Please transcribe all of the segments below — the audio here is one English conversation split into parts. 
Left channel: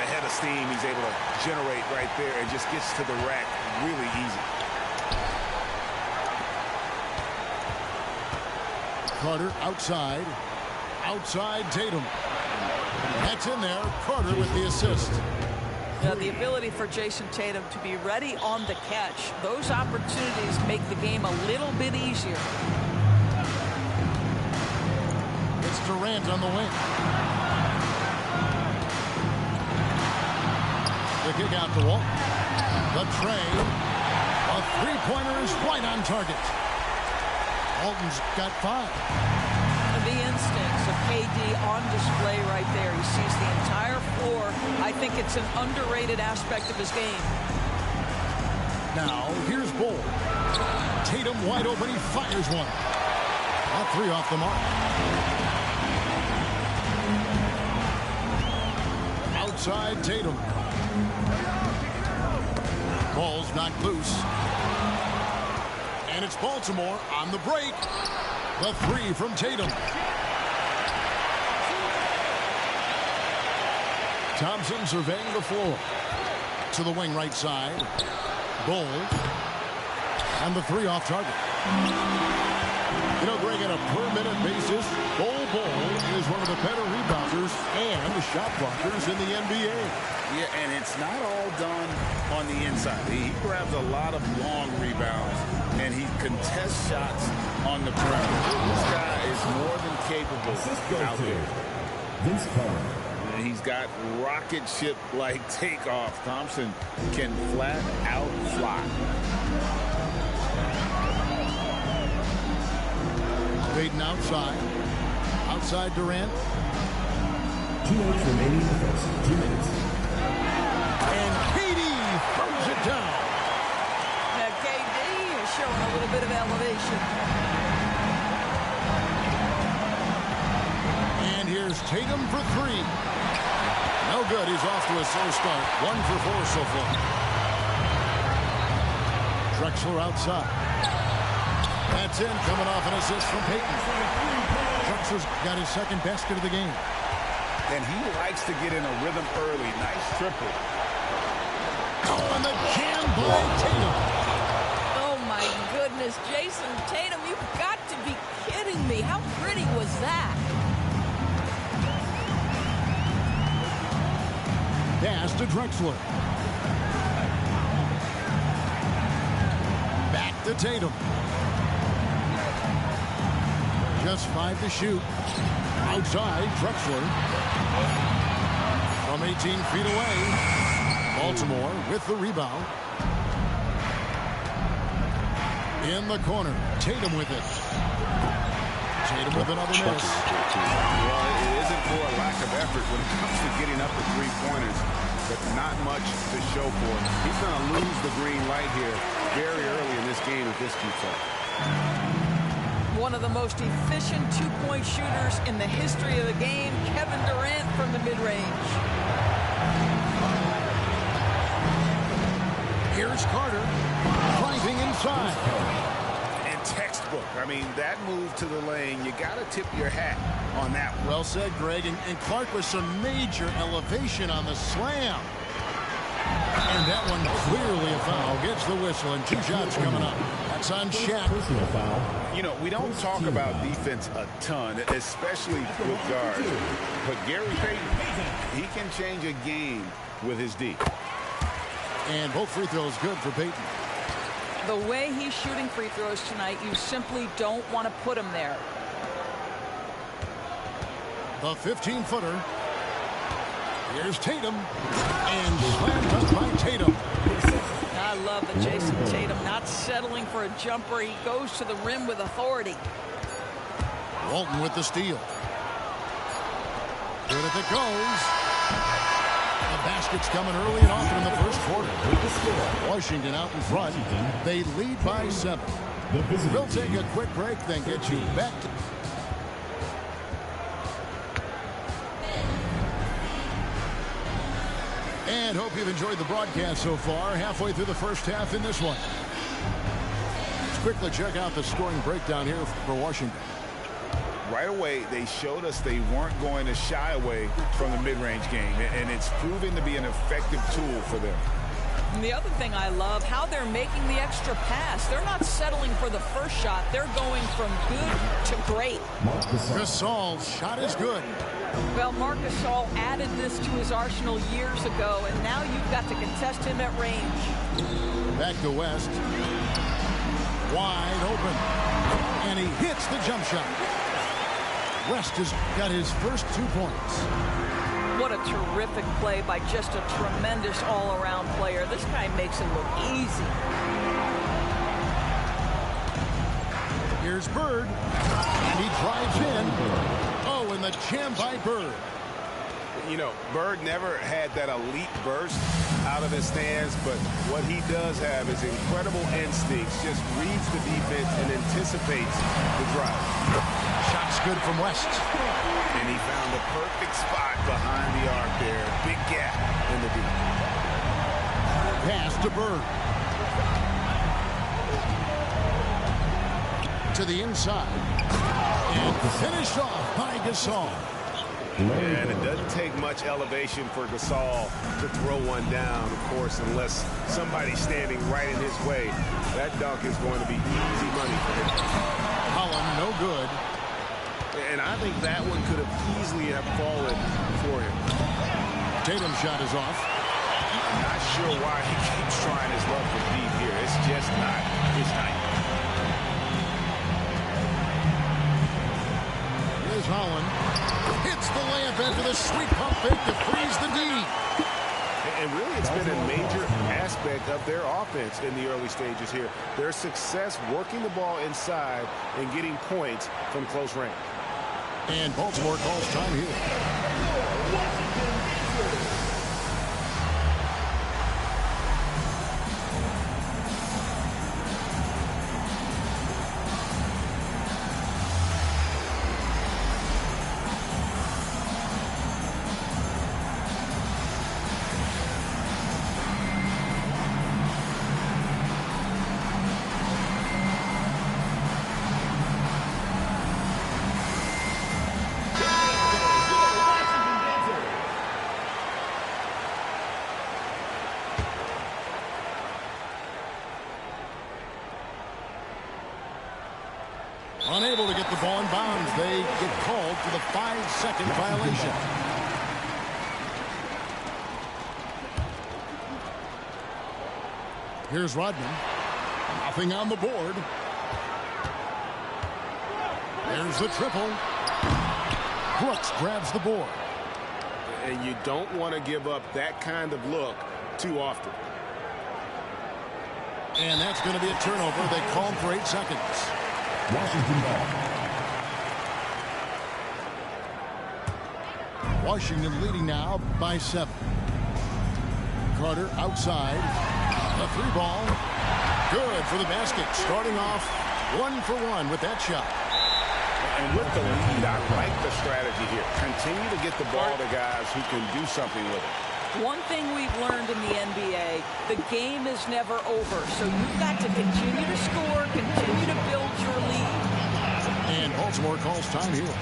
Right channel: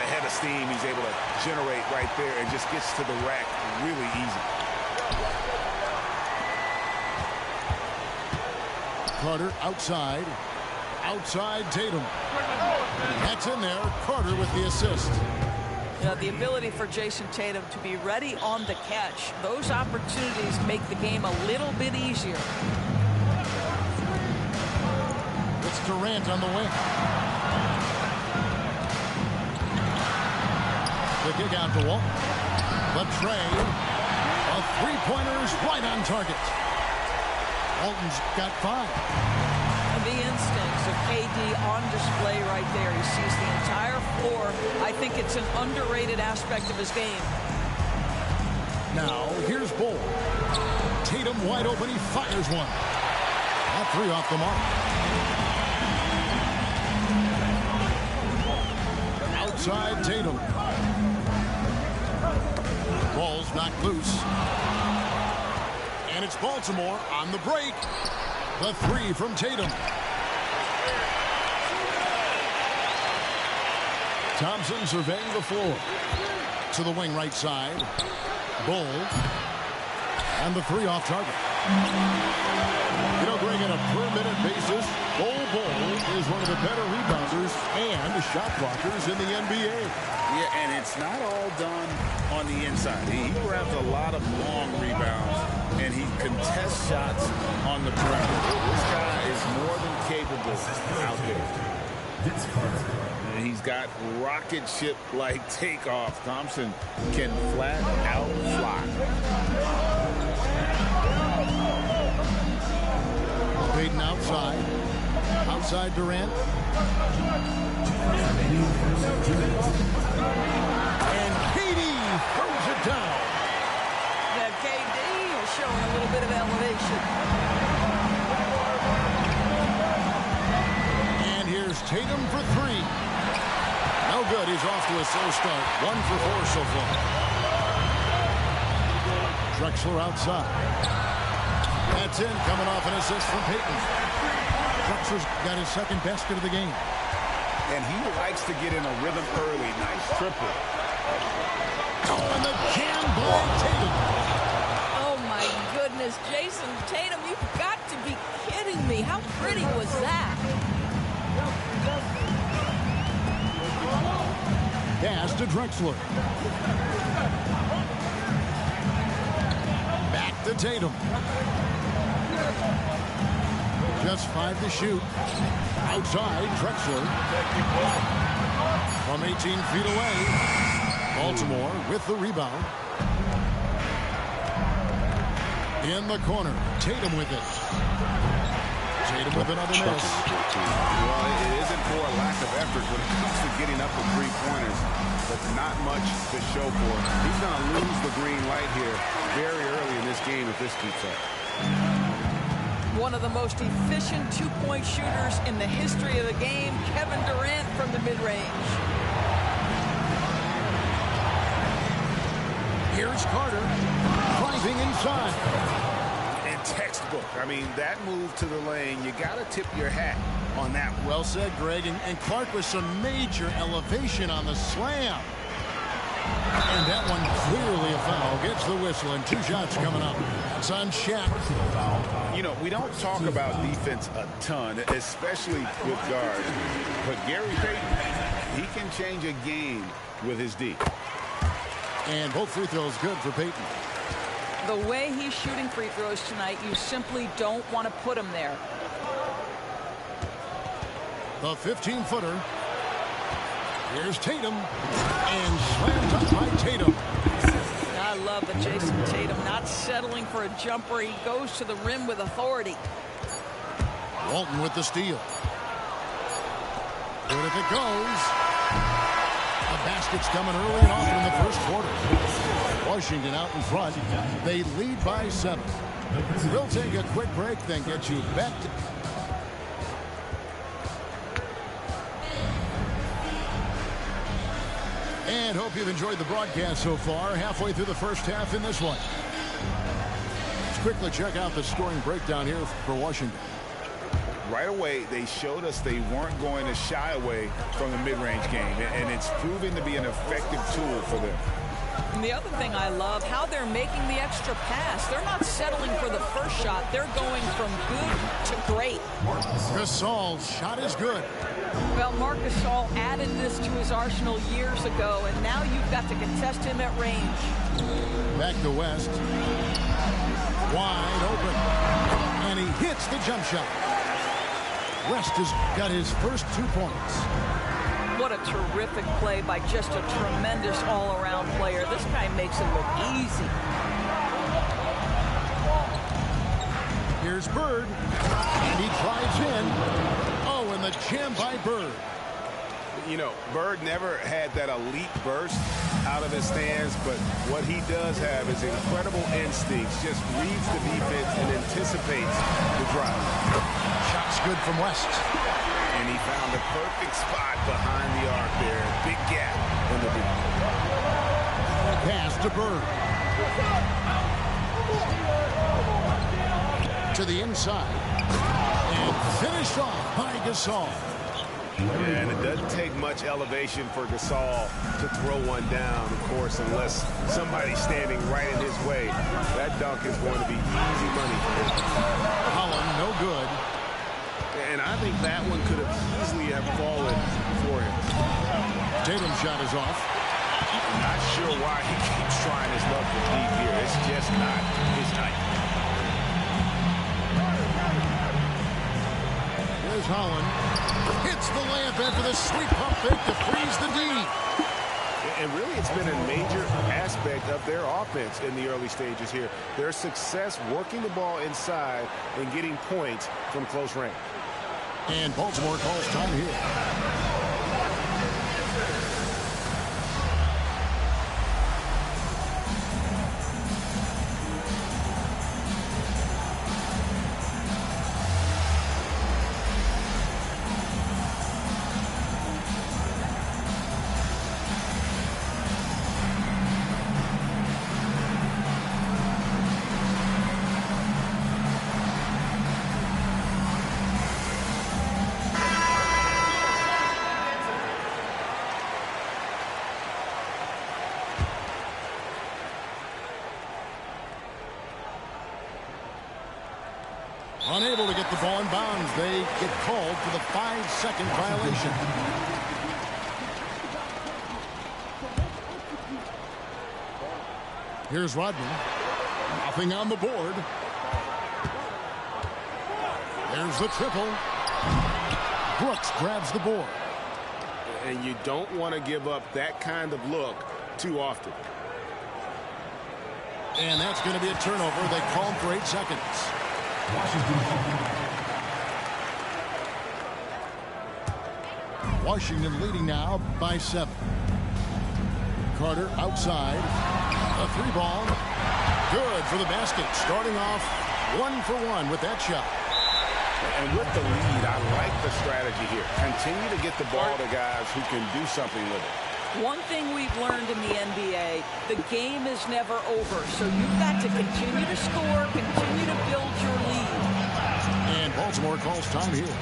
the head of steam he's able to generate right there and just gets to the rack really easy. Carter outside. Outside Tatum. That's in there. Carter with the assist. Yeah, the ability for Jason Tatum to be ready on the catch. Those opportunities make the game a little bit easier. It's Durant on the wing. The kick out to Walt. The trade. A three-pointer is right on target. Walton's got 5. The instincts of KD on display right there. He sees the entire floor. I think it's an underrated aspect of his game. Now, here's Bull. Tatum wide open. He fires one. That 3 off the mark. Outside Tatum. Ball's knocked loose. And it's Baltimore on the break. The 3 from Tatum. Thompson surveying the floor. To the wing right side. Bull. And the 3 off target. You know, Greg, on a per-minute basis, Bol is one of the better rebounders and shot blockers in the NBA. Yeah, and it's not all done on the inside. He grabs a lot of long rebounds, and he contests shots on the perimeter. This guy is more than capable out there. Vince Carter. And he's got rocket ship-like takeoff. Thompson can flat out fly. Payton outside. Outside Durant. 2 minutes remaining in the first. 2 minutes. And KD throws it down. Now KD is showing a little bit of elevation. And here's Tatum for 3. No good. He's off to a slow start. 1 for 4 so far. Drexler outside. That's in, coming off an assist from Payton. Drexler's got his second basket of the game. And he likes to get in a rhythm early. Nice triple. Oh, and the jam by Tatum. Oh, my goodness. Jason Tatum, you've got to be kidding me. How pretty was that? Pass to Drexler. Back to Tatum. Just 5 to shoot. Outside, Drexler. From 18 feet away. Baltimore with the rebound. In the corner. Tatum with it. Tatum with another miss. Well, it isn't for a lack of effort when it comes to getting up the three-pointers, but not much to show for it. He's going to lose the green light here very early in this game if this keeps up. One of the most efficient two-point shooters in the history of the game, Kevin Durant from the mid-range. Here's Carter driving inside. And textbook. I mean, that move to the lane, you got to tip your hat on that one. Well said, Greg. And Clark with some major elevation on the slam. And that one clearly a foul. Gets the whistle and 2 shots coming up. That's on Shaq. Personal foul. You know, we don't talk about defense a ton, especially with guards. But Gary Payton, he can change a game with his D. And both free throws good for Payton. The way he's shooting free throws tonight, you simply don't want to put him there. The 15-footer. Here's Tatum. And slammed up by Tatum. I love the Jason Tatum not settling for a jumper. He goes to the rim with authority. Walton with the steal. Good if it goes. The basket's coming early and often in the first quarter. Washington out in front. They lead by 7. We'll take a quick break, then get you back to... And hope you've enjoyed the broadcast so far. Halfway through the first half in this one. Let's quickly check out the scoring breakdown here for Washington. Right right away, they showed us they weren't going to shy away from the mid-range game, and it's proving to be an effective tool for them. And the other thing I love, how they're making the extra pass. They're not settling for the first shot. They're going from good to great. Gasol's shot is good. Well, Marc Gasol added this to his arsenal years ago, and now you've got to contest him at range. Back to West. Wide open. And he hits the jump shot. West has got his first 2 points. What a terrific play by just a tremendous all-around player. This guy makes it look easy. Here's Bird. And he drives in. Oh, and the jam by Bird. You know, Bird never had that elite burst out of his stance, but what he does have is incredible instincts, just reads the defense and anticipates the drive. Shot's good from West. And he found the perfect spot behind the arc there. Big gap in the deep. Pass to Bird. To the inside. And finished off by Gasol. And it doesn't take much elevation for Gasol to throw one down, of course, unless somebody's standing right in his way. That dunk is going to be easy money for him. Holland, no good. And I think that one could have easily have fallen for him. Tatum's shot is off. I'm not sure why he keeps trying his luck from deep here. It's just not his night. Here's Holland. Hits the layup after the sweet pump fake to freeze the D. And really, it's been a major aspect of their offense in the early stages here. Their success working the ball inside and getting points from close range. And Baltimore calls time here. Unable to get the ball in bounds. They get called for the 5-second violation. Here's Rodman. Nothing on the board. There's the triple. Brooks grabs the board. And you don't want to give up that kind of look too often. And that's going to be a turnover. They call him for 8 seconds. Washington leading now by 7. Carter outside. A 3-ball. Good for the basket. Starting off 1 for 1 with that shot. And with the lead, I like the strategy here. Continue to get the ball to guys who can do something with it. One thing we've learned in the NBA, the game is never over. So you've got to continue to score, continue to build your lead. And Baltimore calls time here.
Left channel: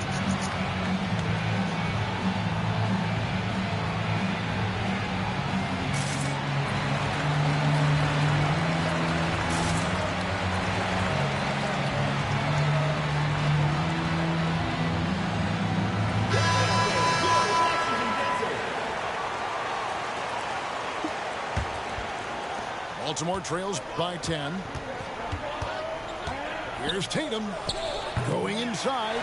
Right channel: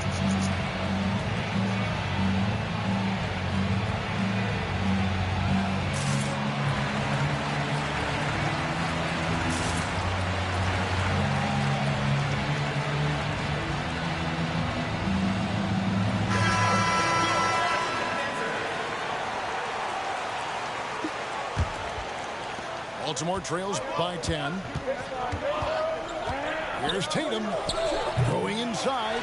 Baltimore trails by 10. Here's Tatum going inside.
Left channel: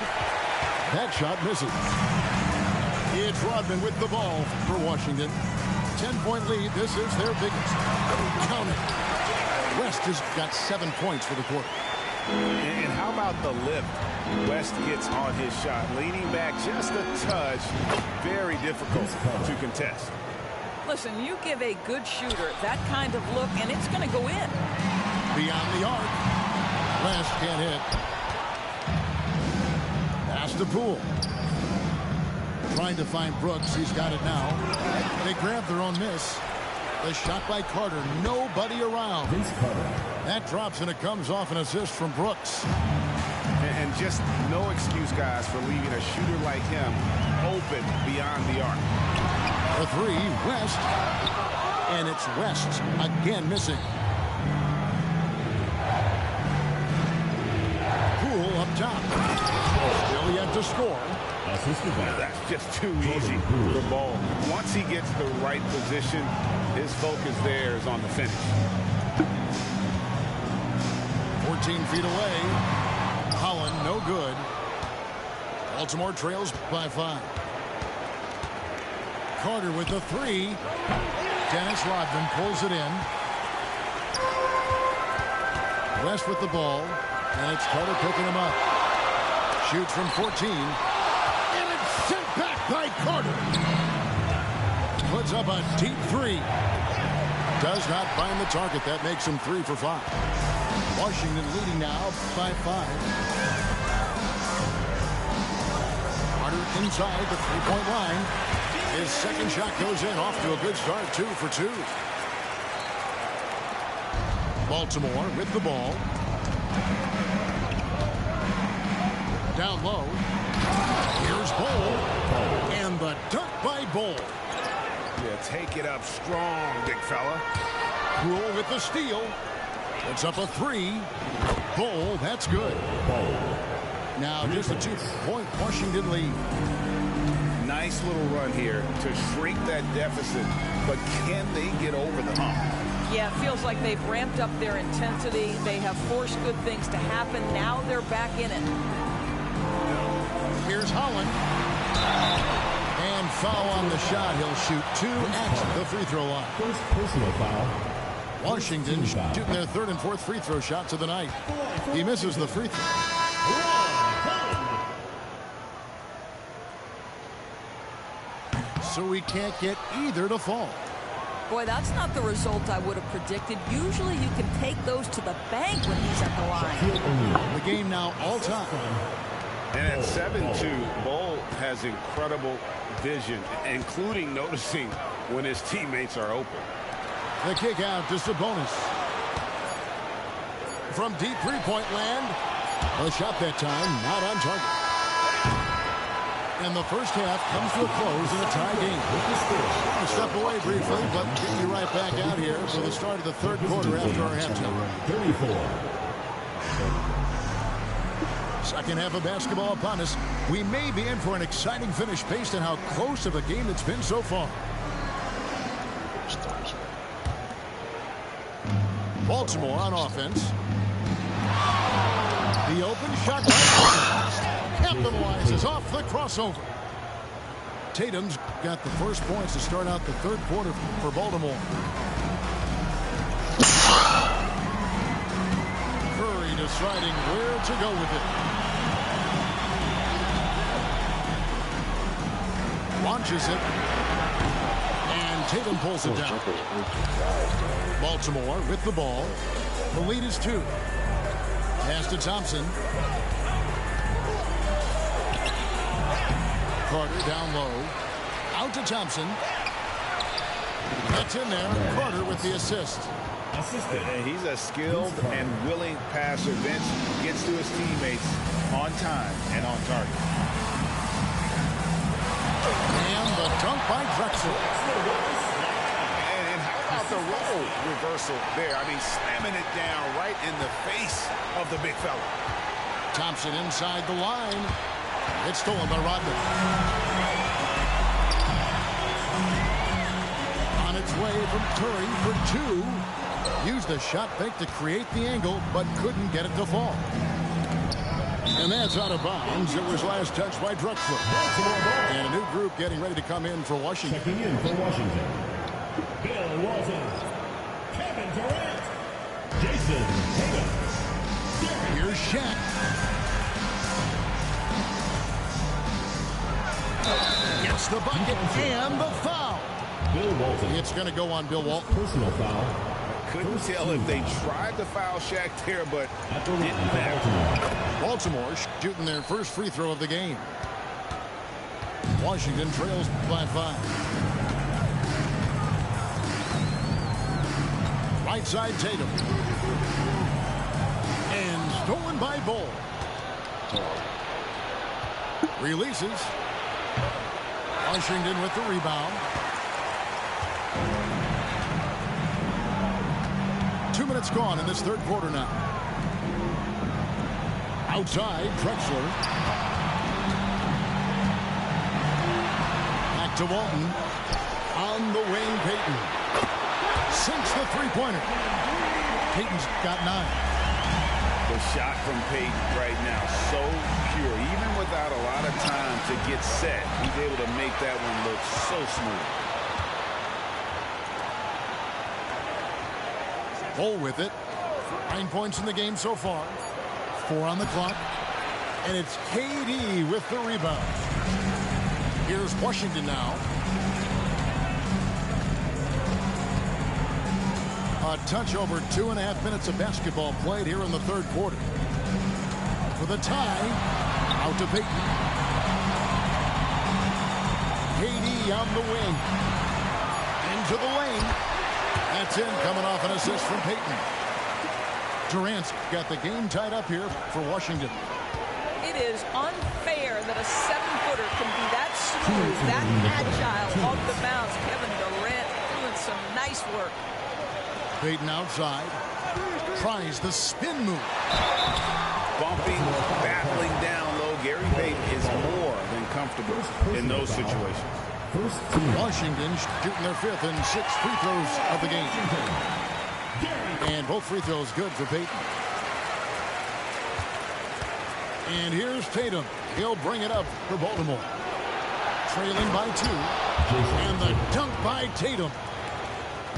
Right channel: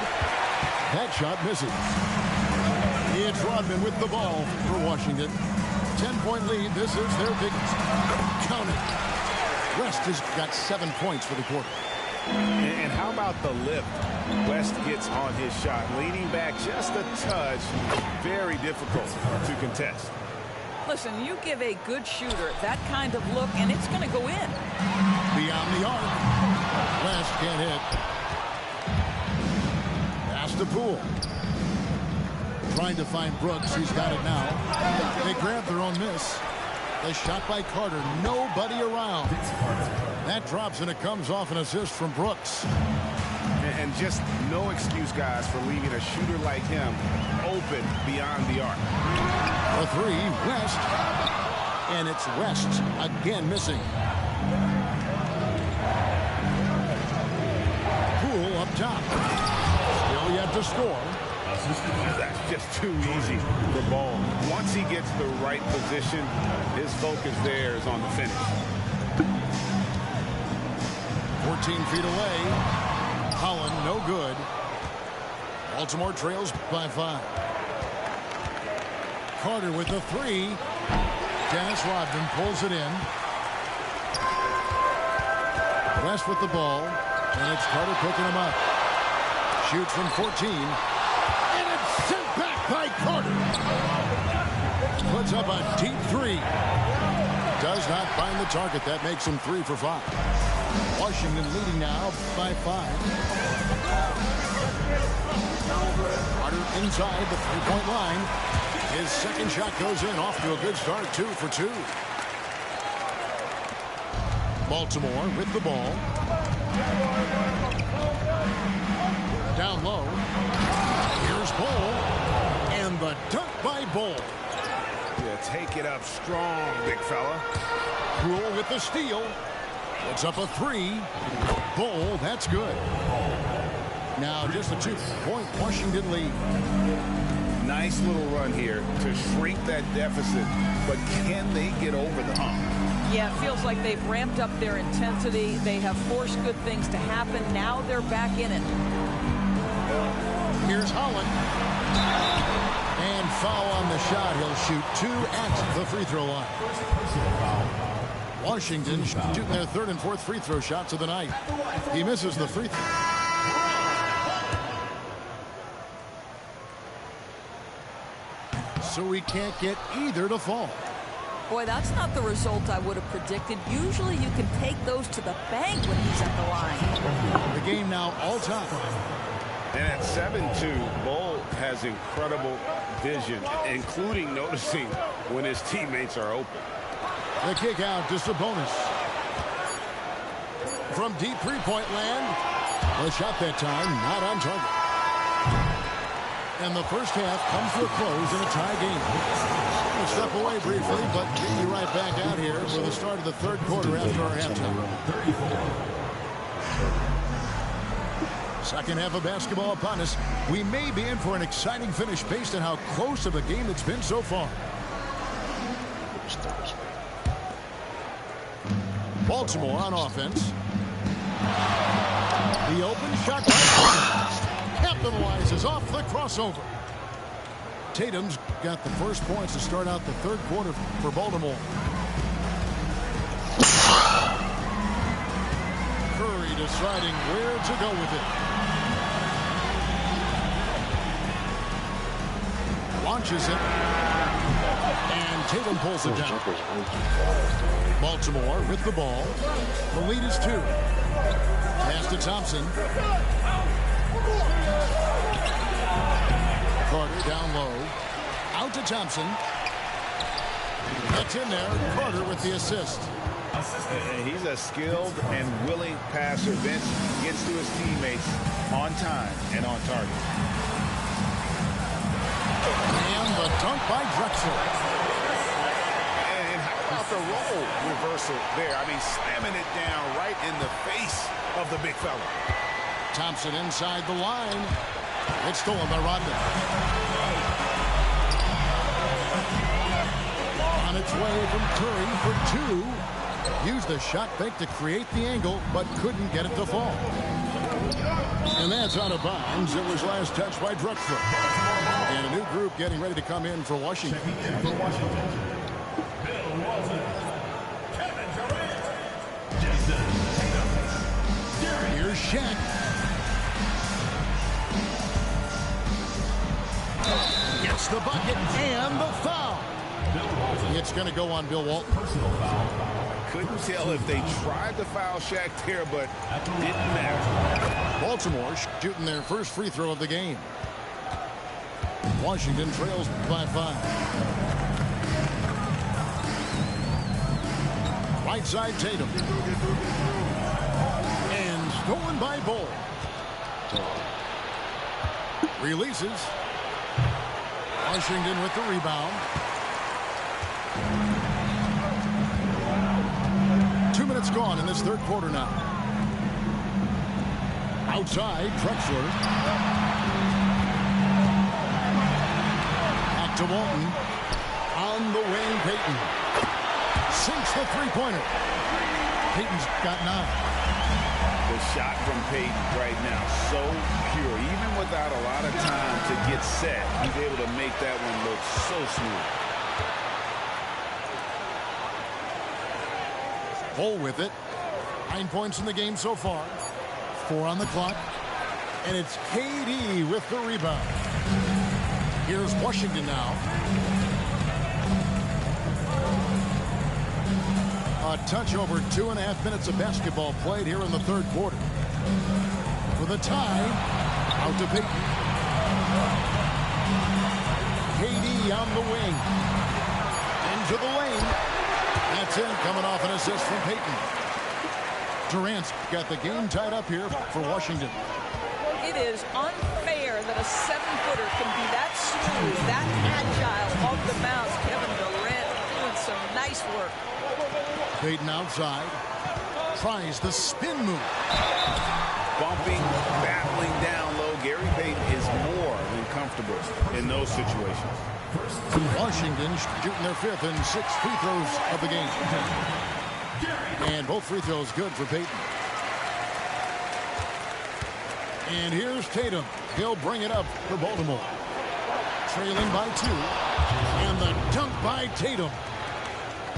That shot misses. It's Rodman with the ball for Washington. 10-point lead. This is their biggest. Count it. West has got 7 points for the quarter. And how about the lift West gets on his shot? Leaning back just a touch. Very difficult to contest. Listen, you give a good shooter that kind of look, and it's going to go in. Beyond the arc. West can't hit. Pass to Poole. Trying to find Brooks. He's got it now. They grab their own miss. The shot by Carter. Nobody around. That drops, and it comes off an assist from Brooks. And just no excuse, guys, for leaving a shooter like him open beyond the arc. For three, West. And it's West again missing. Poole up top. Still yet to score. That's just too easy for Ball. Once he gets the right position, his focus there is on the finish. 14 feet away. Holland, no good. Baltimore trails by 5. Carter with the 3. Dennis Rodman pulls it in. West with the ball. And it's Carter picking him up. Shoots from 14. And it's sent back by Carter. Puts up a deep 3. Does not find the target. That makes him 3 for 5. Washington leading now by 5. Carter inside the three-point line. His second shot goes in. Off to a good start. 2 for 2. Baltimore with the ball. Down low. Here's Bol. And the dunk by Bol. Yeah, take it up strong, big fella. Poole with the steal. Puts up a 3. Bol, that's good. Now just a 2-point Washington lead. Nice little run here to shrink that deficit, but can they get over the hump? Yeah, it feels like they've ramped up their intensity. They have forced good things to happen. Now they're back in it. Here's Holland. And foul on the shot. He'll shoot 2 at the free throw line. First personal foul. Washington shooting their 3rd and 4th free throw shots of the night. He misses the free throw. So he can't get either to fall. Boy, that's not the result I would have predicted. Usually you can take those to the bank when he's at the line. The game now all time. And at 7-2, Bol has incredible vision, including noticing when his teammates are open. The kick out to Sabonis. From deep three-point land. The shot that time not on target. And the first half comes to a close in a tie game. We're going to step away briefly, but get you right back out here for the start of the 3rd quarter after our halftime. 34. Second half of basketball upon us. We may be in for an exciting finish based on how close of a game it's been so far. Baltimore on offense. The open shot capitalizes off the crossover. Tatum's got the first points to start out the 3rd quarter for Baltimore. Curry deciding where to go with it. Launches it. And Tatum pulls it down. Baltimore with the ball. The lead is 2. Pass to Thompson. Carter down low. Out to Thompson. That's in there. Carter with the assist. He's a skilled and willing passer. Vince gets to his teammates on time and on target. And the dunk by Drexler. And how about the role reversal there? I mean, slamming it down right in the face of the big fella. Thompson inside the line. It's stolen by Rodman. On its way from Curry for 2. Used the shot fake to create the angle, but couldn't get it to fall. And that's out of bounds. It was last touched by Drexler. And a new group getting ready to come in for Washington. Checking in for Washington. Bill Walton. Kevin Durant. Jason Tatum. Here's Shaq. Gets the bucket and the foul. Bill Walton. It's going to go on Bill Walton. Personal foul. Couldn't tell if they tried to foul Shaq there, but didn't matter. Baltimore shooting their first free throw of the game. Washington trails by 5. Right side Tatum. And stolen by Bol. Releases. Washington with the rebound. 2 minutes gone in this third quarter now. Outside, Drexler. Back to Walton. On the wing, Payton. Sinks the three-pointer. Payton's got 9. The shot from Payton right now, so pure. Even without a lot of time to get set, he's able to make that one look so smooth. Bull with it. 9 points in the game so far. 4 on the clock. And it's KD with the rebound. Here's Washington now. A touch over 2.5 minutes of basketball played here in the third quarter. For the tie, out to Payton. KD on the wing. Into the lane. That's in, coming off an assist from Payton. Durant's got the game tied up here for Washington. It is unfair that a 7-footer can be that smooth, that agile off the bounce. Kevin Durant doing some nice work. Payton outside. Tries the spin move. Bumping, battling down low. Gary Payton is more than comfortable in those situations. Washington shooting their 5th and 6th free throws of the game. And both free throws good for Payton. And here's Tatum. He'll bring it up for Baltimore. Trailing by 2. And the dunk by Tatum.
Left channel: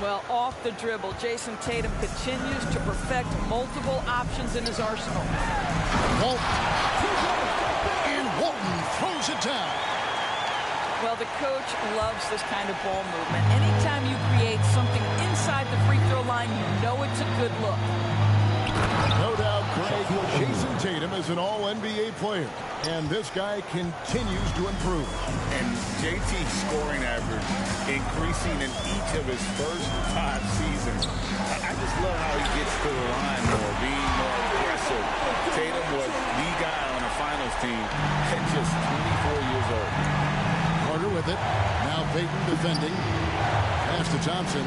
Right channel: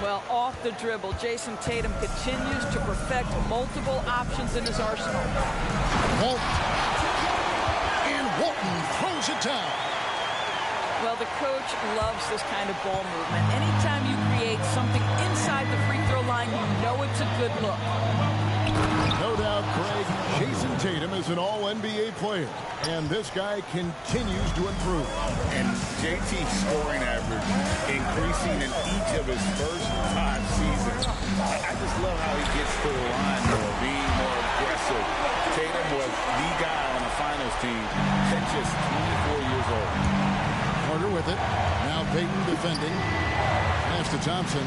Well, off the dribble, Jason Tatum continues to perfect multiple options in his arsenal. Walton. And Walton throws it down. Well, the coach loves this kind of ball movement. Anytime you create something inside the free throw line, you know it's a good look. No doubt, Greg, Jason Tatum is an all-NBA player, and this guy continues to improve. And JT's scoring average increasing in each of his first 5 seasons. I just love how he gets to the line more, being more aggressive. Tatum was the guy on a finals team at just 24 years old. Carter with it. Now Payton defending. Pass to Thompson.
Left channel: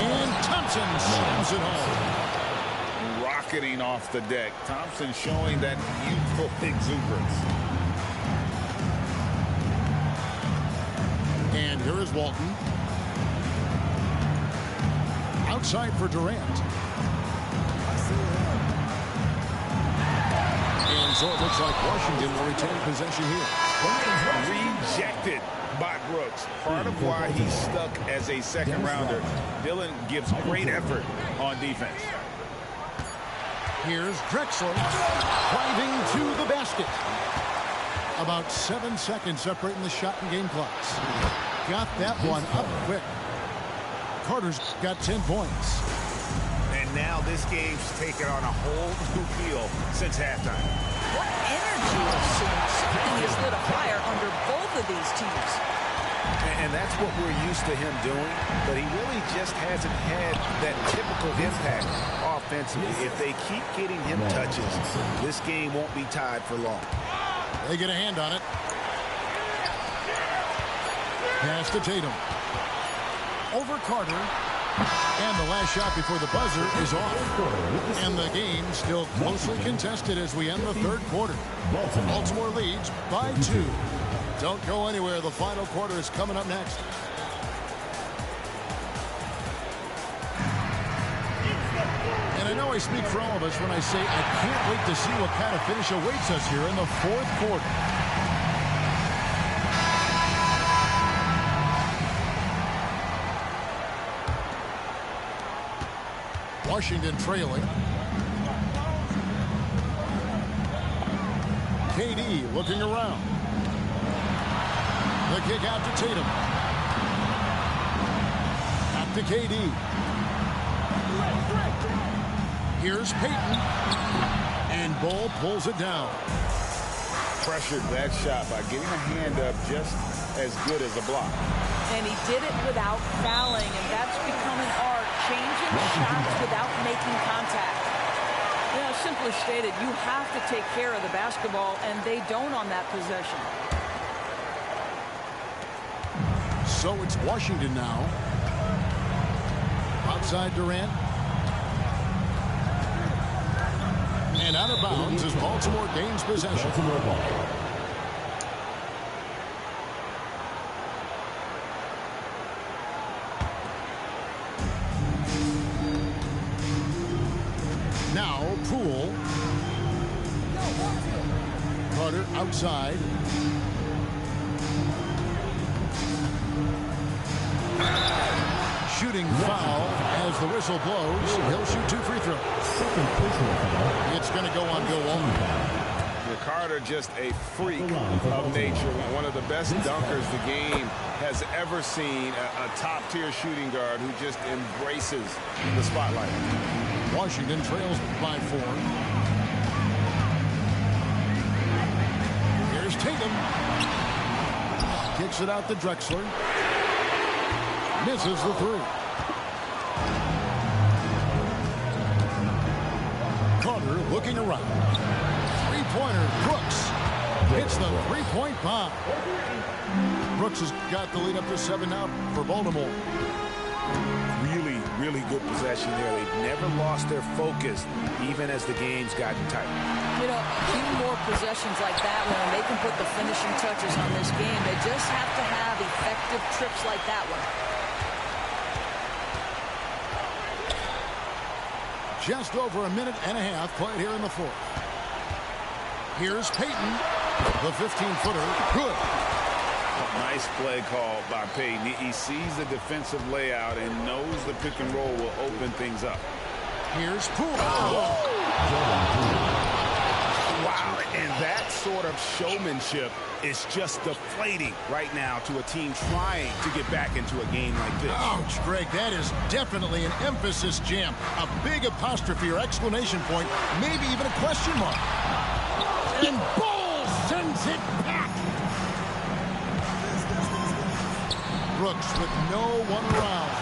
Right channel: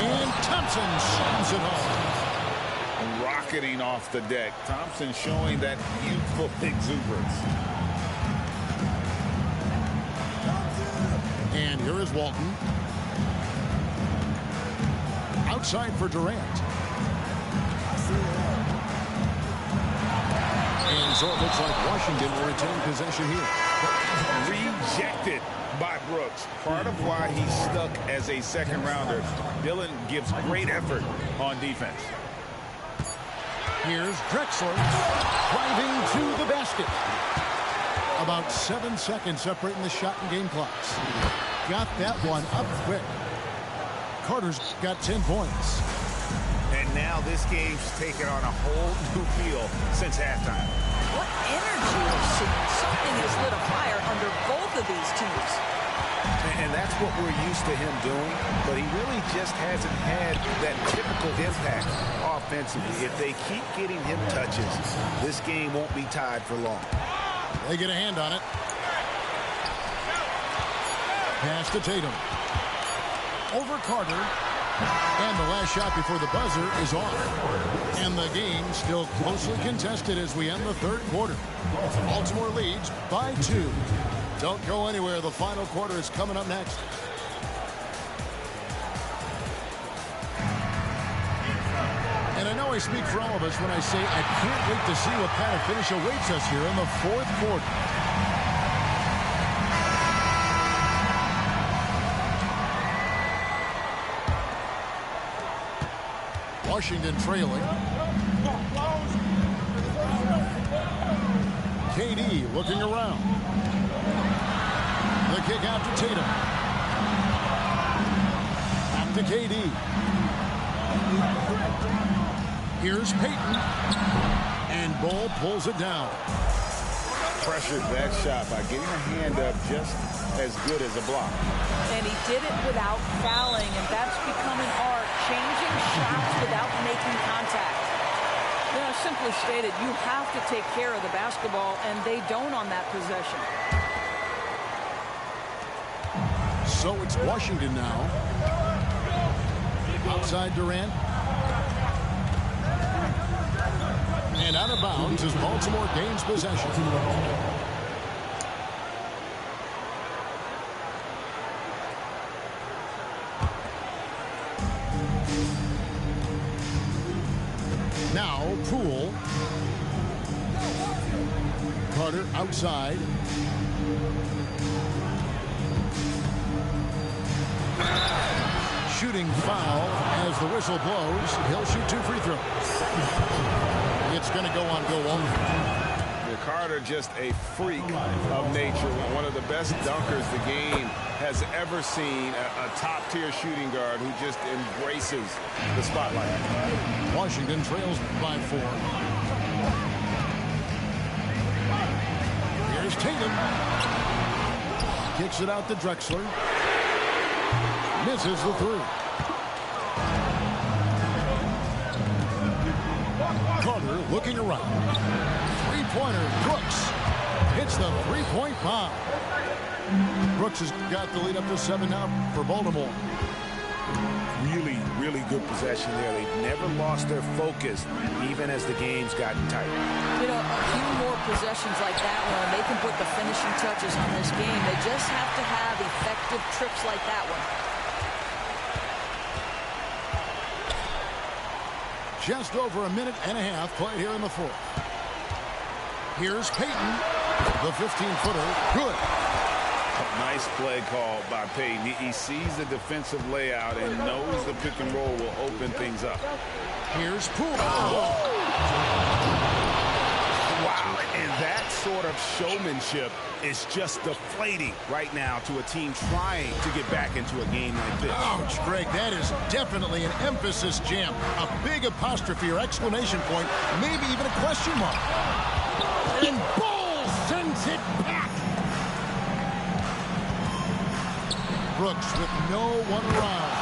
And Thompson slams it home. Rocketing off the deck. Thompson showing that youthful exuberance. And here is Walton. Outside for Durant. And so it looks like Washington will retain possession here. Rejected by Brooks. Part of why he's stuck as a second rounder. Dillon gives great effort on defense. Here's Drexler driving to the basket. About 7 seconds separating the shot and game clocks. Got that one up quick. Carter's got 10 points. And now this game's taken on a whole new feel since halftime. What energy we're seeing. Something has lit a fire under both of these teams. And that's what we're used to him doing, but he really just hasn't had that typical impact offensively. If they keep getting him touches, this game won't be tied for long. They get a hand on it. Pass to Tatum. Over Carter. And the last shot before the buzzer is off. And the game still closely contested as we end the third quarter. Baltimore leads by 2. Don't go anywhere. The final quarter is coming up next. And I know I speak for all of us when I say I can't wait to see what kind of finish awaits us here in the fourth quarter. Washington trailing. KD looking around. The kick out to Tatum. Back to KD. Here's Payton. And Bull pulls it down. Pressured that shot by getting a hand up just as good as a block. And he did it without fouling, and that's become an art, changing shots without making contact. Yeah, simply stated, you have to take care of the basketball, and they don't on that possession. So it's Washington now. Outside Durant. And out of bounds as Baltimore gains possession. Baltimore ball. Now Poole. Carter outside. Shooting foul as the whistle blows. He'll shoot 2 free throws. It's going to go on Bill Walton. Carter, just a freak of nature. One of the best dunkers the game has ever seen. A top-tier shooting guard who just embraces the spotlight. Washington trails by 4. Here's Tatum. Kicks it out to Drexler. Misses the 3. Carter looking around. Three-pointer. Brooks hits the three-point bomb. Brooks has got the lead up to 7 now for Baltimore. Really, really good possession there. They've never lost their focus, even as the game's gotten tight. You know, a few more possessions like that one, and they can put the finishing touches on this game. They just have to have effective trips like that one. Just over a minute and a half played here in the 4th. Here's Payton. The 15-footer. Good. Nice play call by Payton. He sees the defensive layout and knows the pick and roll will open things up. Here's Poole. Wow, and that sort of showmanship is just deflating right now to a team trying to get back into a game like this. Ouch, Greg, that is definitely an emphasis jam. A big apostrophe or exclamation point, maybe even a question mark. And Bull sends it back. Brooks with no one around.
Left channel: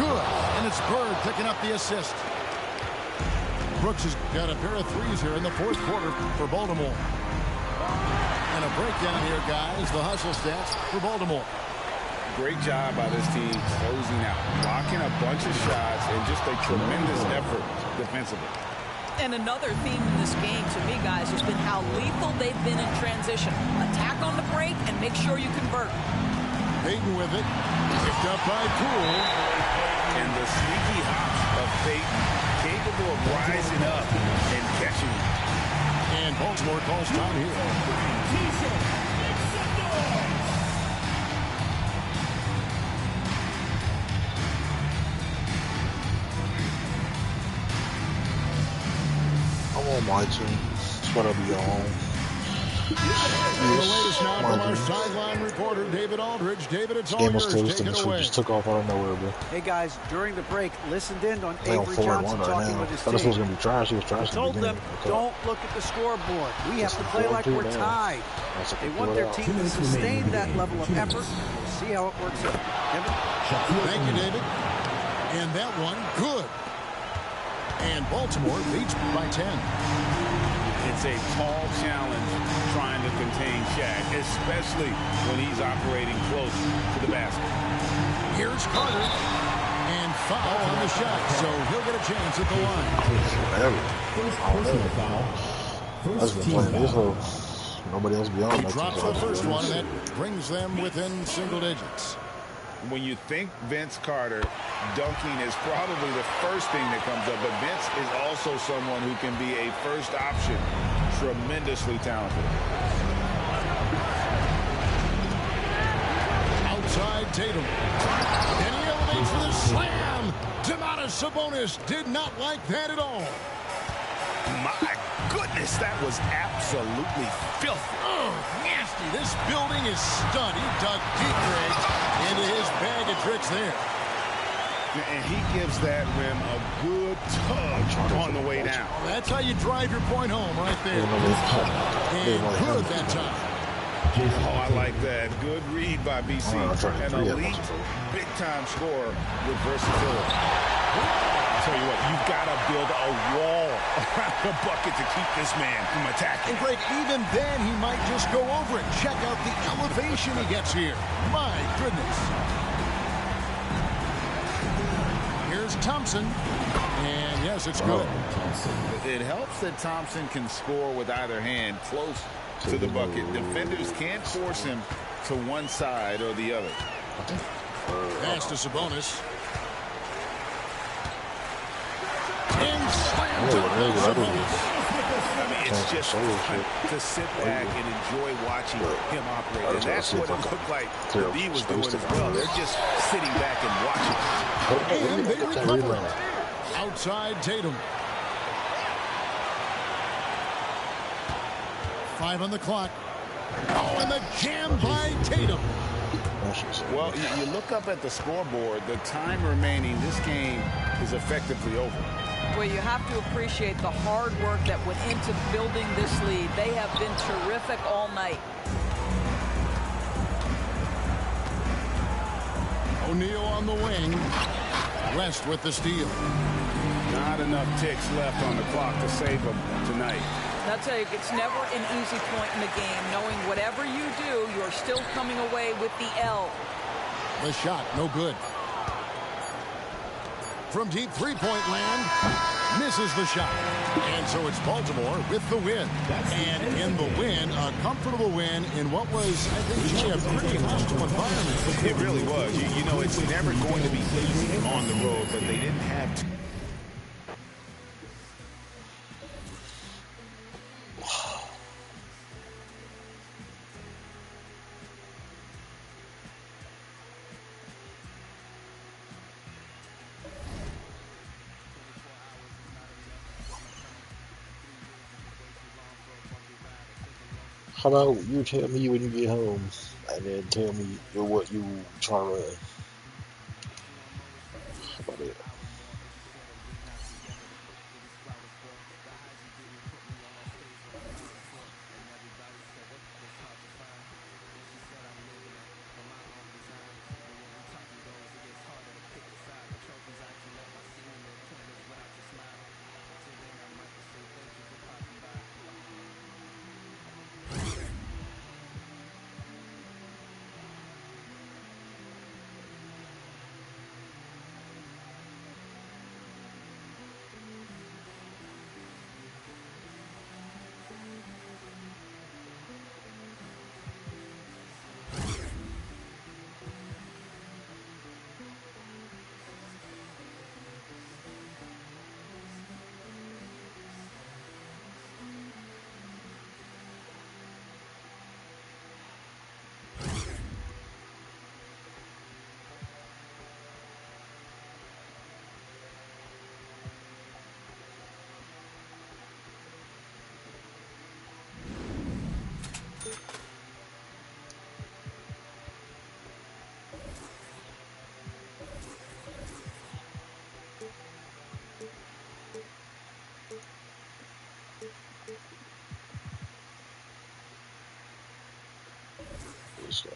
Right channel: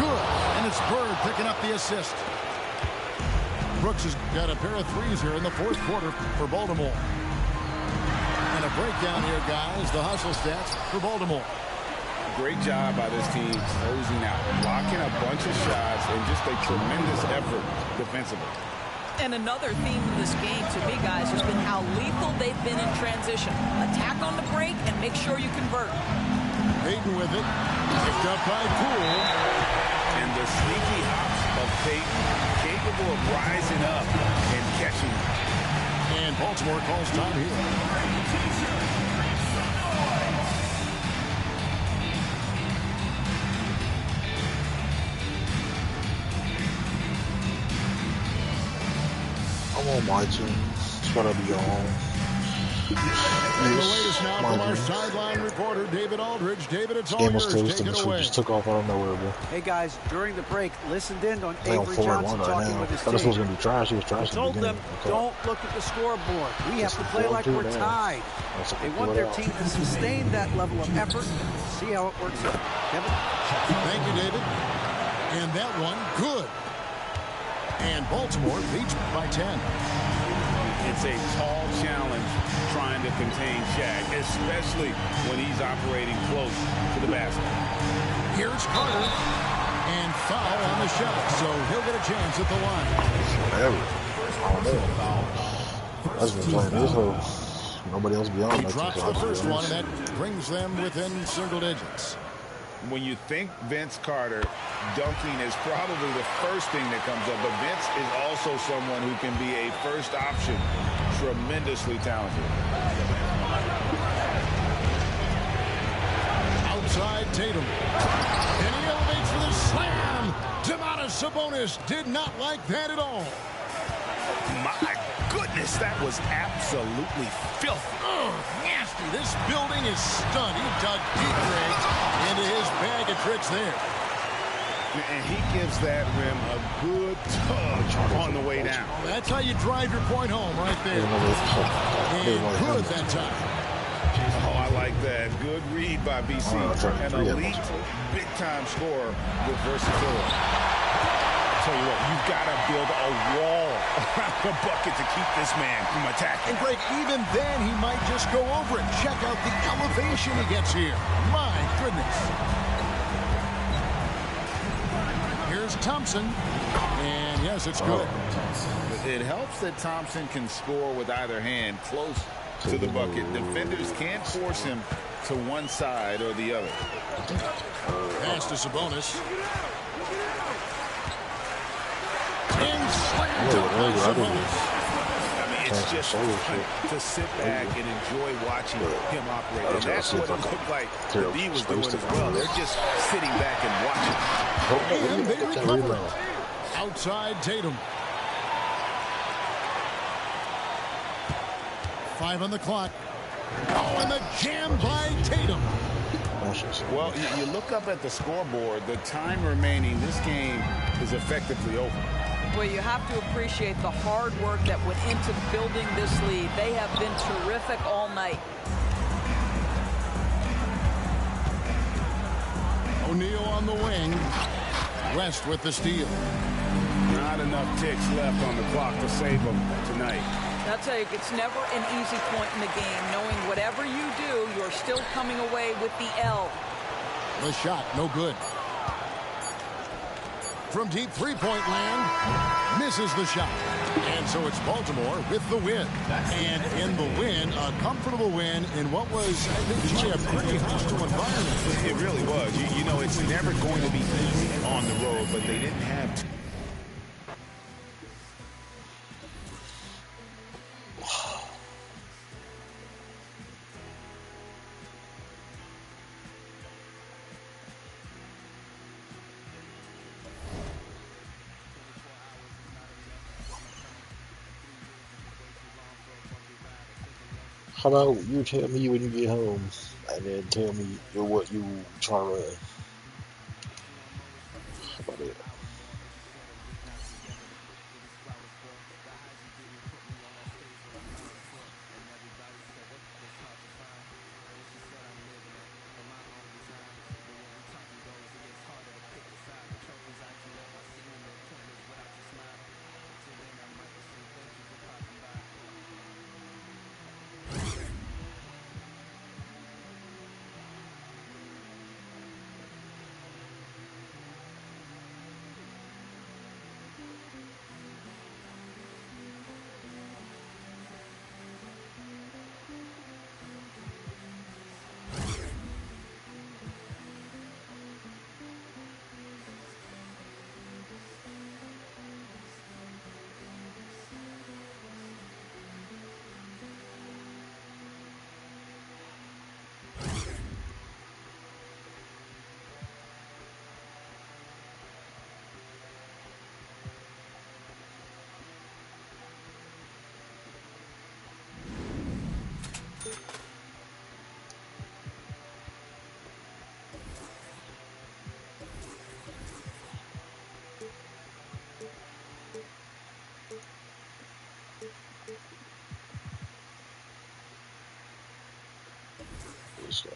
Good, and it's Bird picking up the assist. Brooks has got a pair of threes here in the 4th quarter for Baltimore. And a breakdown here, guys. The hustle stats for Baltimore. Great job by this team closing out, blocking a bunch of shots, and just a tremendous effort defensively. And another theme in this game, to me, guys, has been how lethal they've been in transition. Attack on the break and make sure you convert. Payton with it. Picked up by Poole. And the sneaky hops of Payton, capable of rising up and catching. And Baltimore calls time here. I'm on my team. That's what I'll be on. The latest now from our sideline reporter, David Aldridge. David, it's all Game was yours. close, Take and it we away. just took off out of nowhere, bro. Hey guys, during the break, listened in on They on Avery 4-1 Johnson right talking now. with his Thought this was team. gonna be trash. He was trash. Told in the them, beginning. Okay. don't look at the scoreboard. We have Just to play like 4-2 we're now. tied. That's like They a want their blowout. team to sustain that level of effort. See how it works out. Kevin? Thank you, David. And that one, good. And Baltimore leads by 10. It's a tall challenge trying to contain Shaq, especially when he's operating close to the basket. Here's Carter. And foul on the shot, so he'll get a chance at the line. Whatever. I don't know. I've been playing this, so nobody else beyond He that. drops the first one, and that brings them within single digits. When you think Vince Carter, dunking is probably the first thing that comes up, but Vince is also someone who can be a first option. Tremendously talented. Outside Tatum. And he elevates for the slam. Domantas Sabonis did not like that at all. My goodness, that was absolutely filthy. Nasty. This building is stunned. He dug deep, Greg, into his bag of tricks there. And he gives that rim a good tug on the way down. Well, that's how you drive your point home right there. And good that time. Oh, I like that. Good read by BC. An elite, big-time scorer with versatility. tell you what, you've got to build a wall around the bucket to keep this man from attacking. And Greg, even then, he might just go over it. Check out the elevation he gets here. My goodness. Here's Thompson. And yes, it's good. It helps that Thompson can score with either hand close to the bucket. Defenders can't force him to one side or the other. Pass to Sabonis. And slam dunk by Sabonis. I mean, it's just fun to sit back and enjoy watching him operate. And that's what it looked like the B was doing as well. They're just sitting back and watching. And they recover. Outside Tatum. 5 on the clock. Oh, and the jam by Tatum. Well, you look up at the scoreboard. The time remaining, this game is effectively over. Well, you have to appreciate the hard work that went into building this lead. They have been terrific all night. O'Neal on the wing. West with the steal. Not enough ticks left on the clock to save them tonight. I'll tell you, it's never an easy point in the game, knowing whatever you do, you're still coming away with the L. The shot, no good. From deep three-point land, misses the shot. And so it's Baltimore with the win. And in the win, a comfortable win in what was, I think, Jay, a pretty hostile environment. It really was. You know, it's never going to be easy on the road, but they didn't have to. How about you tell me when you get home, and then tell me what you try to run? How about it? This way.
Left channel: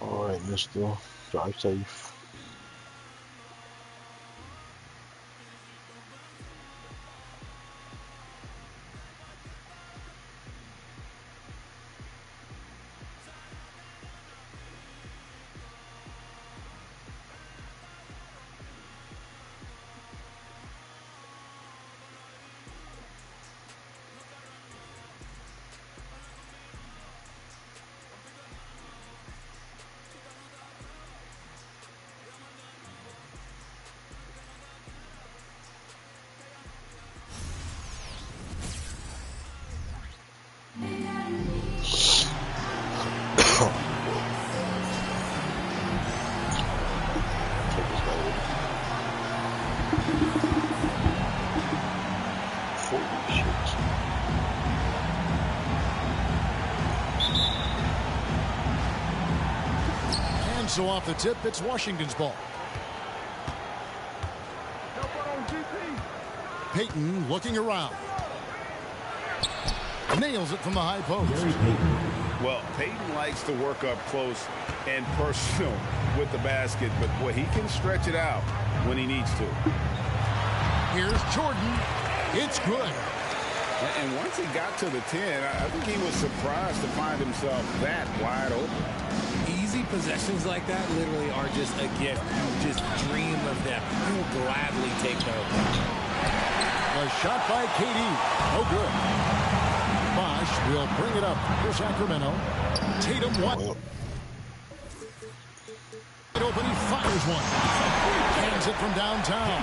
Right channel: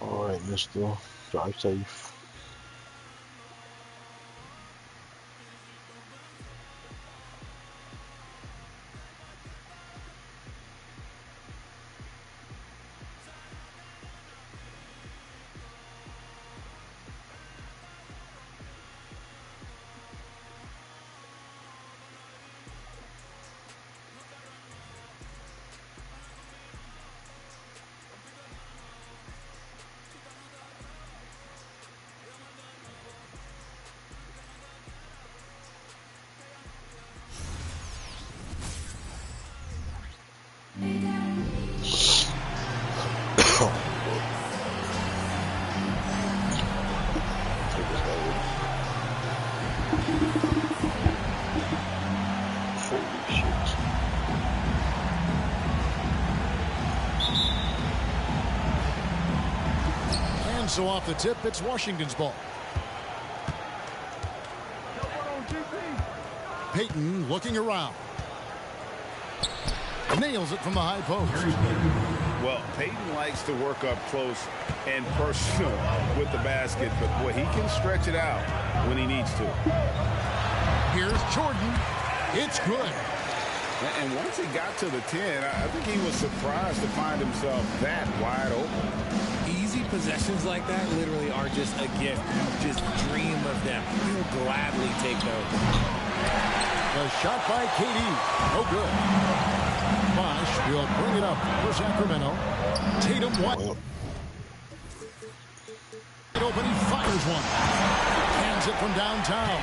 All right, mister. Drive safe. coach. And so off the tip, it's Washington's ball. Payton looking around. Nails it from the high post. Well, Payton likes to work up close and personal with the basket, but boy, he can stretch it out when he needs to. Here's Jordan. It's good. And once he got to the 10, I think he was surprised to find himself that wide open. Easy possessions like that literally are just a gift. You just dream of them. You will gladly take those. The shot by KD. No good. Bosh will bring it up for Sacramento. Tatum wide open. He fires one. Hands it from downtown.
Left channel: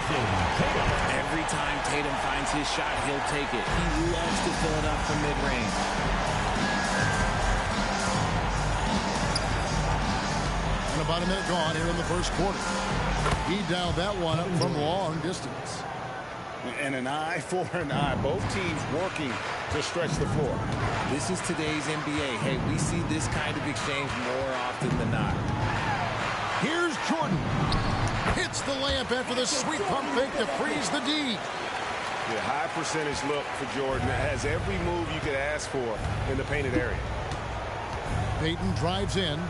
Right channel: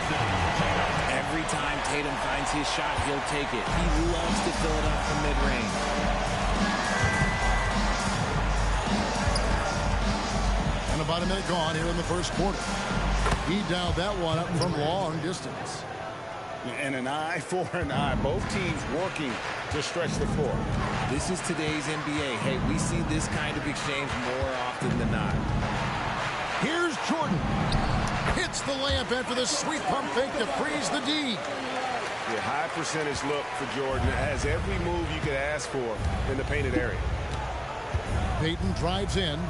Every time Tatum finds his shot, he'll take it. He loves to fill it up from mid-range. And about a minute gone here in the first quarter. He dialed that one up from long distance. And an eye for an eye. Both teams working to stretch the floor. This is today's NBA. Hey, we see this kind of exchange more often than not. Here's Jordan. Hits the layup after the sweet pump fake to freeze the D. Yeah, high percentage look for Jordan. It has every move you could ask for in the painted area. Payton drives in.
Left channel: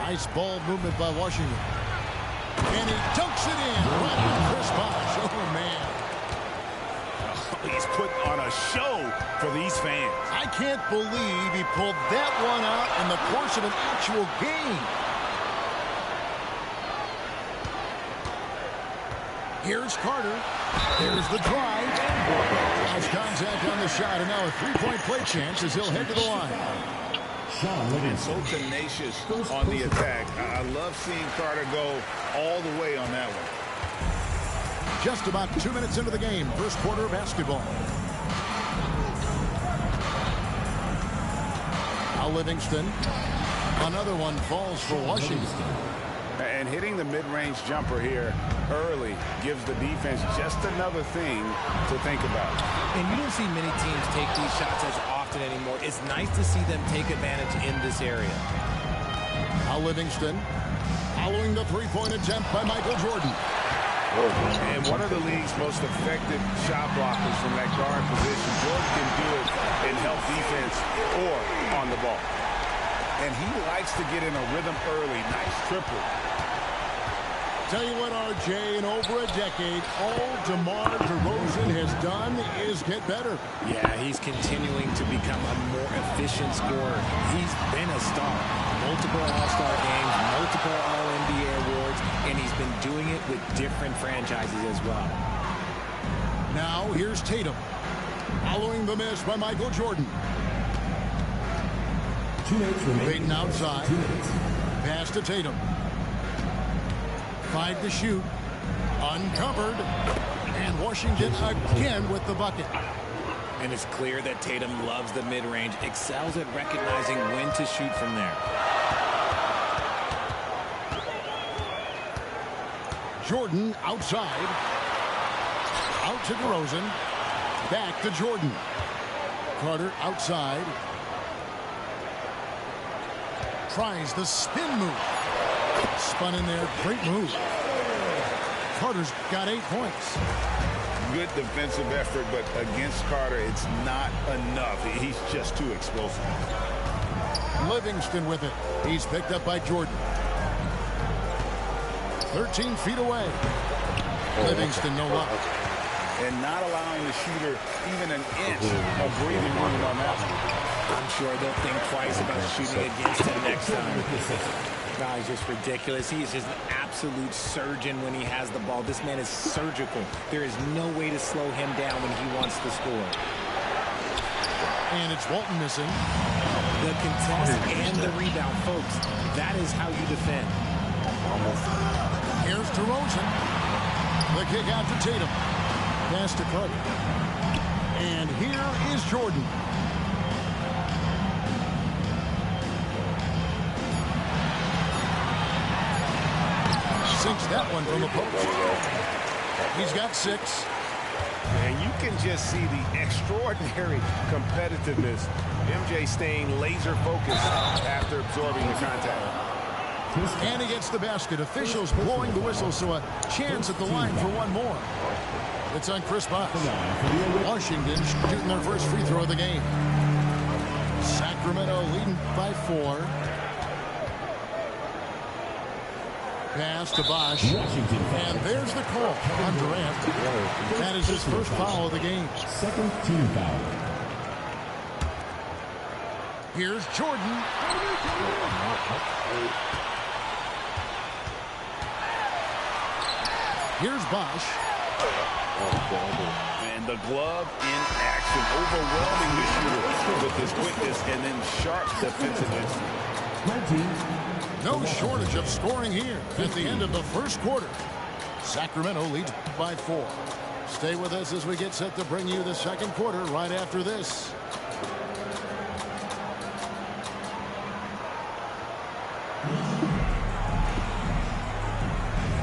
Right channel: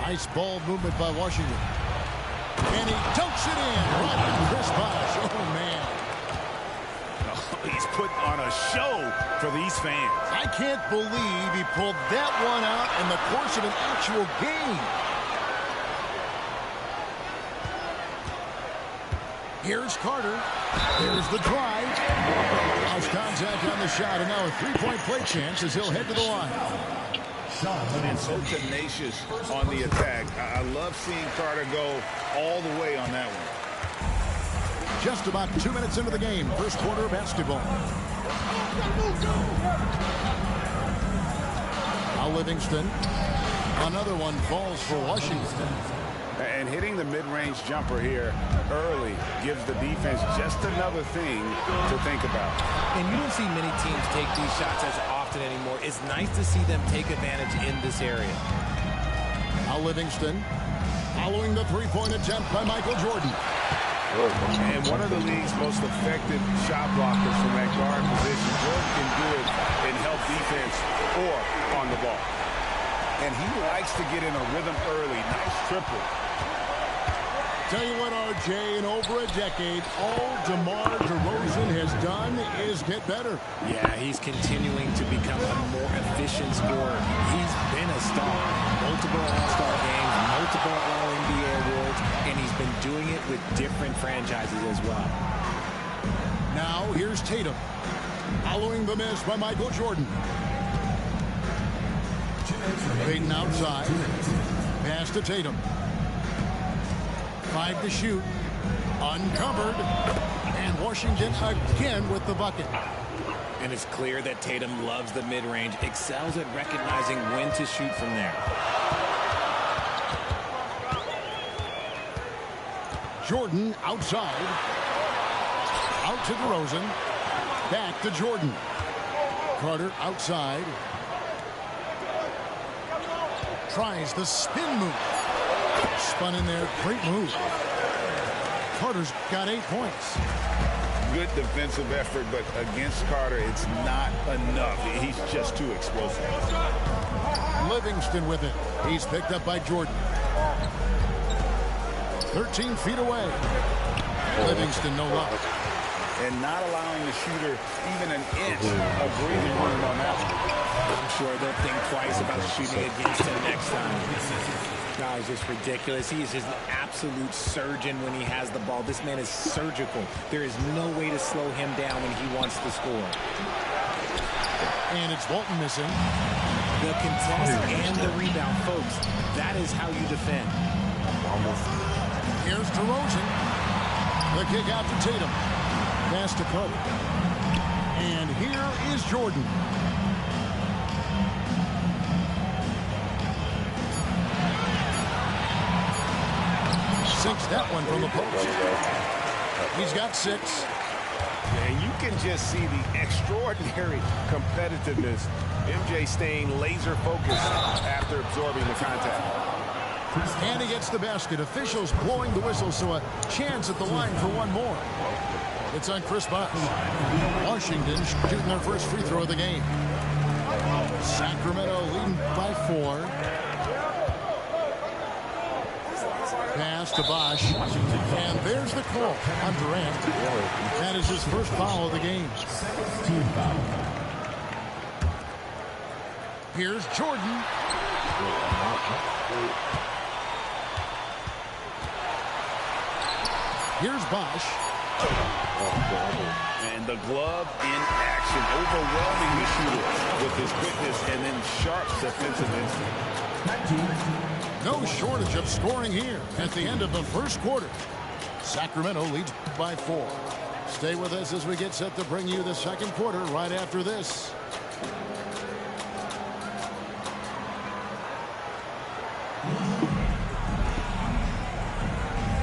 Nice ball movement by Washington. And he dunks it in right on Chris Bosh. Oh, man. Oh, he's put on a show for these fans. I can't believe he pulled that one out in the course of an actual game. Here's Carter. There's the drive. House contact on the shot, and now a three-point play chance as he'll head to the line. And so tenacious on the attack. I love seeing Carter go all the way on that one. Just about 2 minutes into the game, first quarter of basketball. Now Livingston. Another one falls for Washington. And hitting the mid-range jumper here early gives the defense just another thing to think about. And you don't see many teams take these shots as often anymore. It's nice to see them take advantage in this area. Now Livingston following the three-point attempt by Michael Jordan. And one of the league's most effective shot blockers from that guard position. Jordan can do it in help defense or on the ball. And he likes to get in a rhythm early. Nice triple. Tell you what, RJ, in over a decade, all DeMar DeRozan has done is get better. Yeah, he's continuing to become a more efficient scorer. He's been a star. Multiple All-Star games, multiple All-NBA awards, and he's been doing it with different franchises as well. Now, here's Tatum. Following the miss by Michael Jordan. Payton outside. Pass to Tatum. 5 to shoot. Uncovered. And Washington again with the bucket. And it's clear that Tatum loves the mid-range, excels at recognizing when to shoot from there. Jordan outside. Out to DeRozan. Back to Jordan. Carter outside. Tries the spin move. Spun in there. Great move. Carter's got 8 points. Good defensive effort, but against Carter, it's not enough. He's just too explosive. Livingston with it. He's picked up by Jordan. 13 feet away. Livingston, no luck. And not allowing the shooter even an inch of breathing room on that one. I'm sure they'll think twice about shooting against him next time. No, he's just ridiculous. He is just an absolute surgeon when he has the ball. This man is surgical. There is no way to slow him down when he wants to score. And it's Walton missing. The contest and the rebound, folks. That is how you defend. Here's DeRozan. The kick out to Tatum. Pass to Carter. And here is Jordan. Sinks that one from the post. He's got 6. And you can just see the extraordinary competitiveness. MJ staying laser focused after absorbing the contact. And he gets the basket. Officials blowing the whistle, so a chance at the line for one more. It's on Chris Bosh. Washington shooting their first free throw of the game. Sacramento leading by 4. Pass to Bosh. And there's the call on Durant. That is his first foul of the game. Second team foul. Here's Jordan. Here's Bosh. And the glove in action, overwhelming the shooter with his quickness and then sharp defensive instinct. 19. No shortage of scoring here at the end of the first quarter. Sacramento leads by 4. Stay with us as we get set to bring you the second quarter right after this.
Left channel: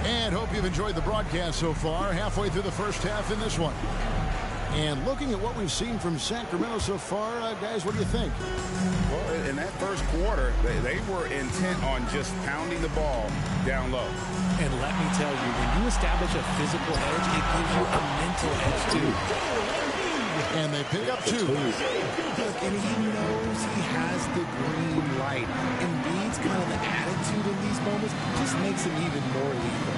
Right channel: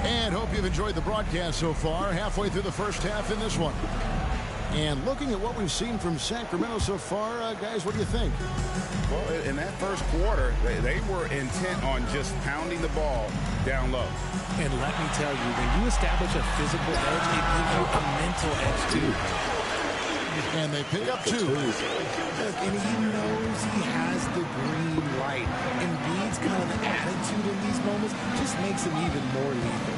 And hope you've enjoyed the broadcast so far. Halfway through the first half in this one. And looking at what we've seen from Sacramento so far, guys, what do you think? Well, in that first quarter, they were intent on just pounding the ball down low. And let me tell you, when you establish a physical edge, it gives you a mental edge, too. And they pick up 2. Look, and he knows he has the green light. Embiid's kind of attitude in these moments just makes him even more lethal.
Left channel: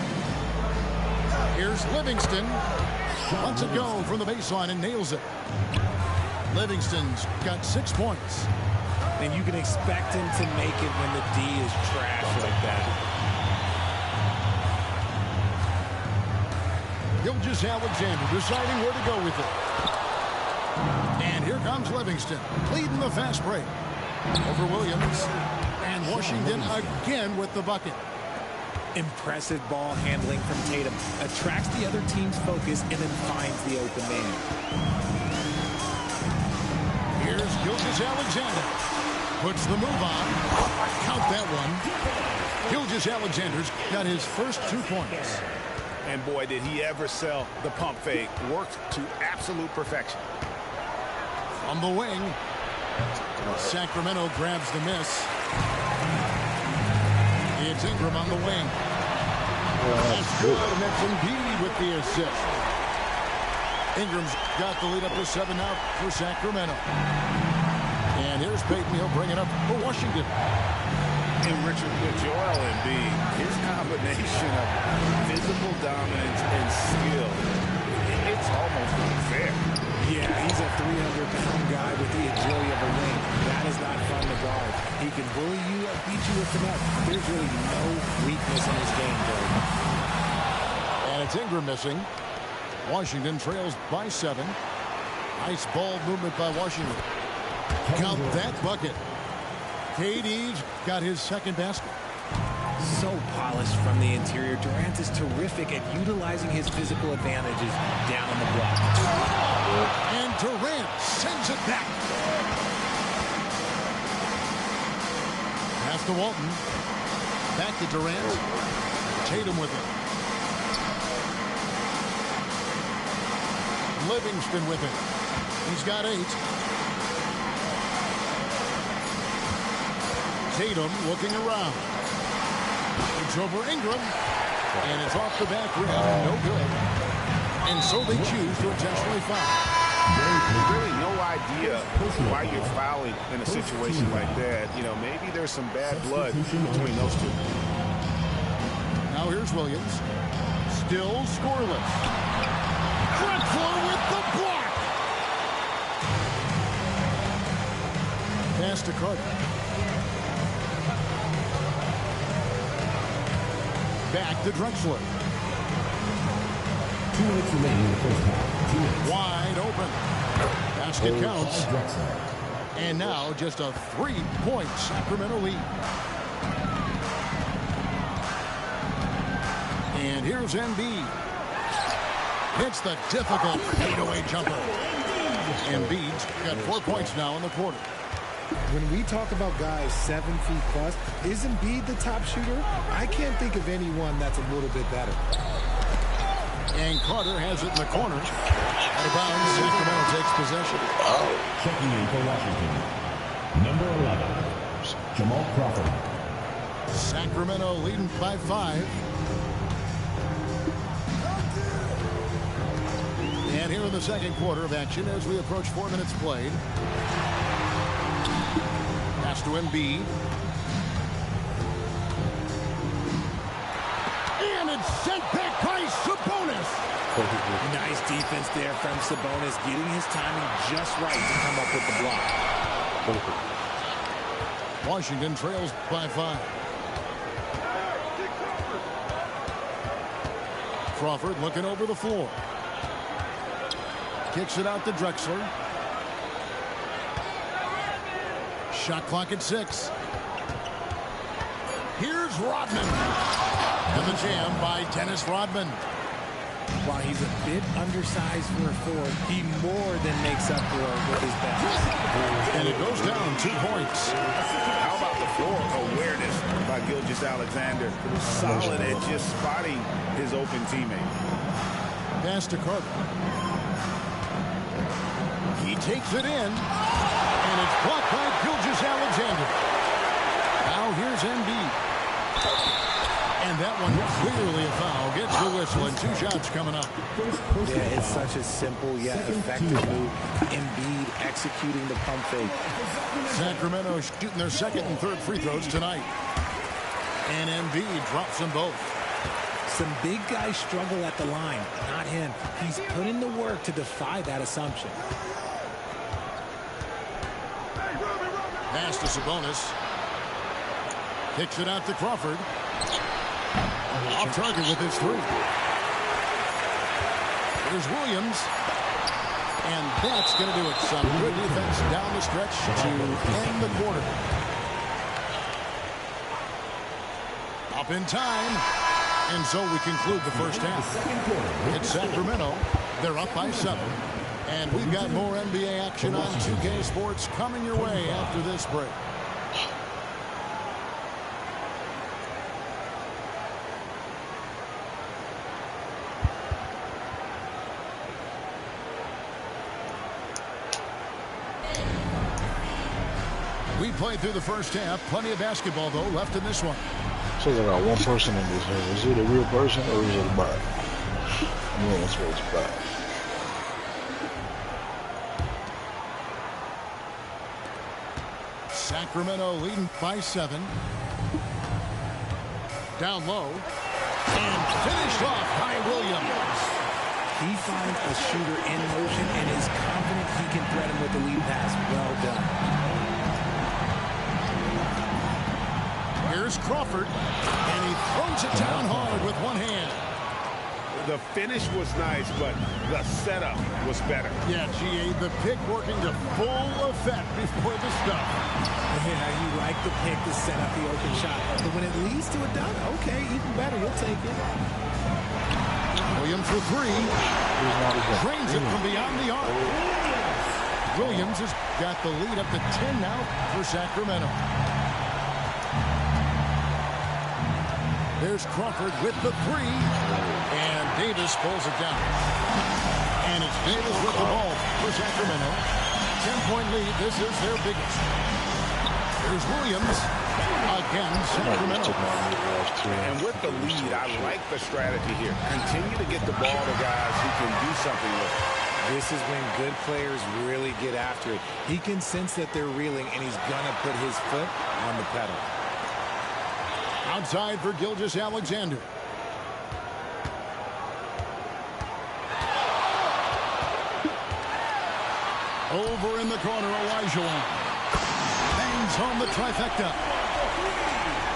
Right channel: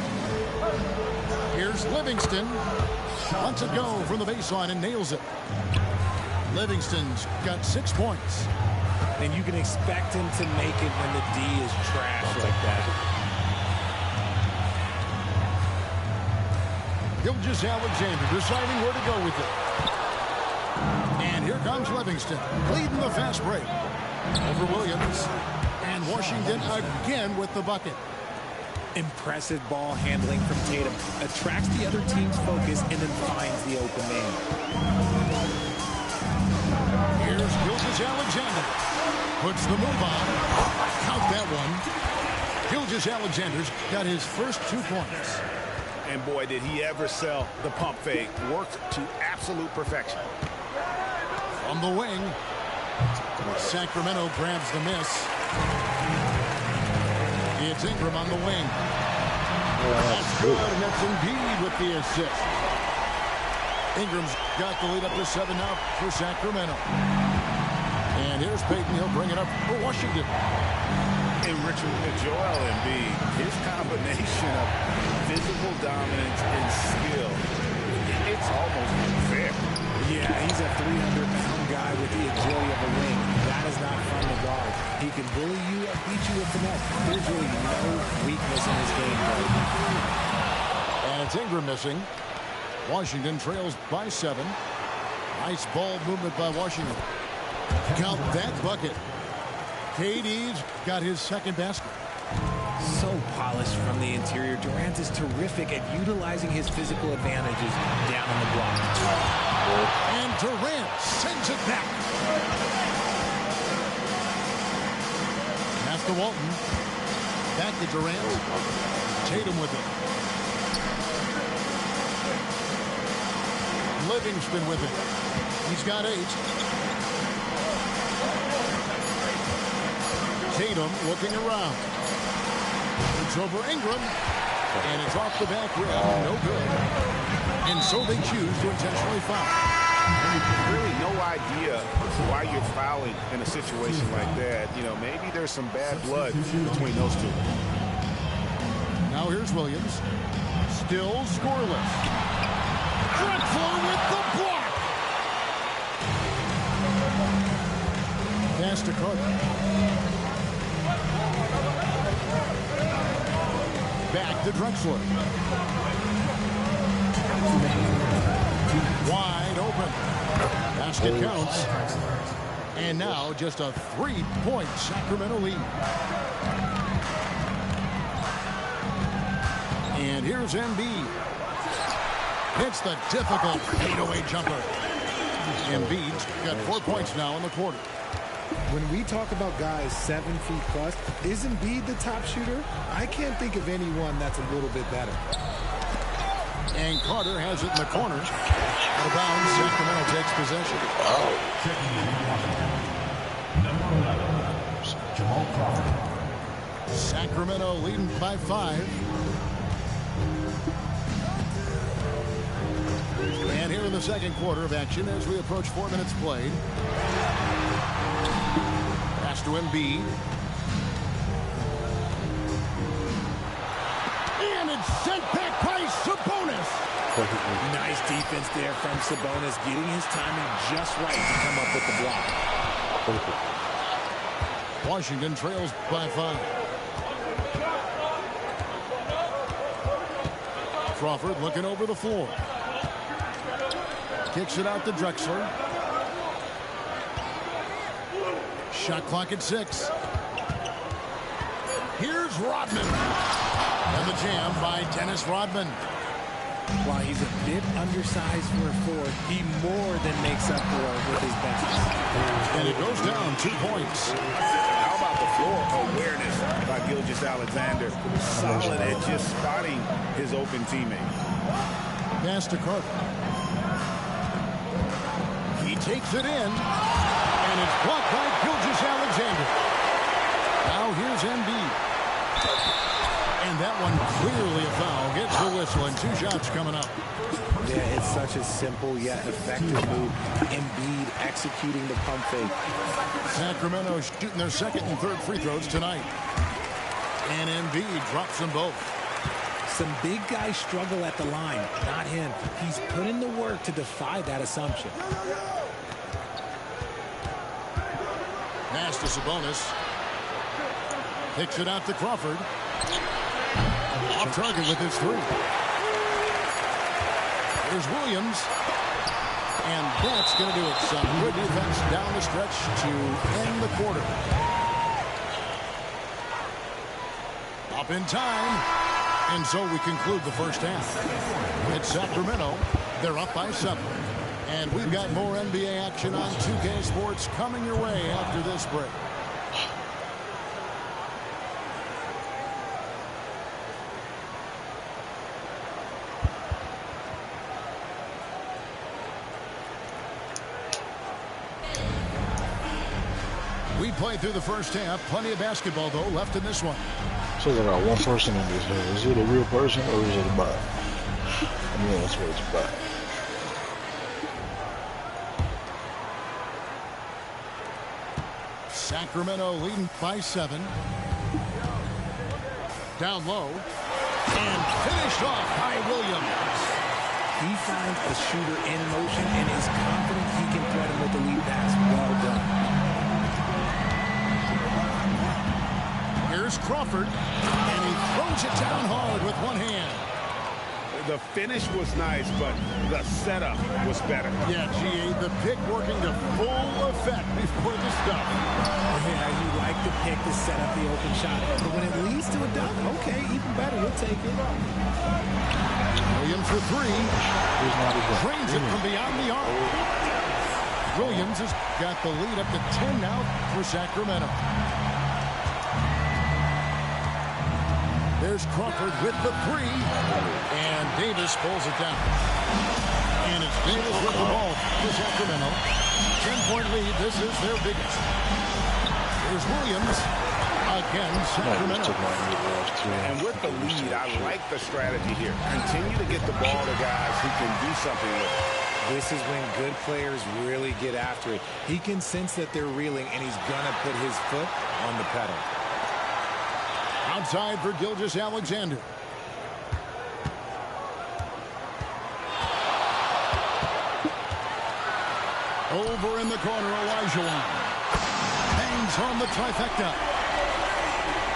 Here's Livingston. Lets it go from the baseline and nails it. Livingston's got 6 points. And you can expect him to make it when the D is trash like that. Gilgeous-Alexander deciding where to go with it. And here comes Livingston, leading the fast break. Over Williams. And Washington again with the bucket. Impressive ball handling from Tatum. Attracts the other team's focus and then finds the open man. Here's Gilgeous-Alexander. Puts the move on. Count that one. Gilgeous-Alexander's got his first 2 points. And boy, did he ever sell the pump fake. Worked to absolute perfection. From the wing, Sacramento grabs the miss. It's Ingram on the wing. That's good, and that's Embiid with the assist. Ingram's got the lead up to 7 now for Sacramento. And here's Payton. He'll bring it up for Washington. And Richard, with Joel Embiid, his combination of physical dominance and skill, it's almost unfair. Yeah, he's a 300-pound guy with the agility of a wing. That is not fun to guard. He can bully you or beat you with finesse. There's really no weakness in his game, Greg. And it's Ingram missing. Washington trails by 7. Nice ball movement by Washington. Count that bucket. KD's got his second basket. So polished from the interior. Durant is terrific at utilizing his physical advantages down on the block. And Durant sends it back. Pass to Walton. Back to Durant. Tatum with it. Livingston with it. He's got 8. Tatum looking around. It's over Ingram. And it's off the back rim. No good. And so they choose to intentionally foul. Really no idea why you're fouling in a situation like that. You know, maybe there's some bad blood between those two. Now here's Williams. Still scoreless. Drexler with the block. Pass to Carter. Back to Drexler. 2 minutes remaining in the first half. 2 minutes. Wide open. Basket counts. And now just a 3-point Sacramento lead. And here's Embiid. Hits the difficult fadeaway jumper. Embiid's got 4 points now in the quarter. When we talk about guys 7 feet plus, is Embiid the top shooter? I can't think of anyone that's a little bit better. And Carter has it in the corner. Out of bounds, Sacramento takes possession. Checking in for Washington, number 11, Jamal Crawford. Sacramento leading by 5. And here in the second quarter of action as we approach 4 minutes played. Pass to Embiid. And it's sent back by Sabonis. Nice defense there from Sabonis, getting his timing just right to come up with the block. Washington trails by 5. Crawford looking over the floor. Kicks it out to Drexler. Shot clock at 6. Here's Rodman. And the jam by Dennis Rodman. While he's a bit undersized for a 4, he more than makes up for it with his bounce. And it goes down 2 points. How about the floor awareness by Gilgeous-Alexander? Solid at just spotting his open teammate. Pass to Carter. He takes it in. And it's blocked by Gilgeous-Alexander. Now here's Embiid. And that one clearly a foul. Gets the whistle and 2 shots coming up. Yeah, it's such a simple yet effective move. Embiid executing the pump fake. Sacramento shooting their second and third free throws tonight. And Embiid drops them both. Some big guys struggle at the line. Not him. He's put in the work to defy that assumption. Pass to Sabonis. Kicks it out to Crawford. Off target with his 3. Here's Williams. And that's going to do it. Some good defense down the stretch to end the quarter. Up in time. And so we conclude the first half. It's Sacramento. They're up by 7. And we've got more NBA action on 2K Sports coming your way after this break. We played through the first half. Plenty of basketball, though, left in this one. So I got one person in this here. Is it a real person or is it a bot? I mean, that's what it's about. Sacramento leading by 7. Down low. And finished off by Williams. He finds a shooter in motion and is confident he can thread him with the lead pass. Well done. Here's Crawford, and he throws it down hard with one hand. The finish was nice, but the setup was better. Yeah, GA, the pick working to full effect before the stuff. Yeah, you like the pick to set up the open shot. But when it leads to a dunk, okay, even better, you'll take it. Williams for 3. Drains it from beyond the arc. Williams has got the lead up to 10 now for Sacramento. There's Crawford with the 3. And Davis pulls it down. And it's Davis with the ball for Sacramento. 10-point lead. This is their biggest. Here's Williams. Again, Sacramento. And with the lead, I like the strategy here. Continue to get the ball to guys who can do something with it. This is when good players really get after it. He can sense that they're reeling, and he's going to put his foot on the pedal. Outside for Gilgeous-Alexander. Over in the corner, Olajuwon. Bangs home the trifecta.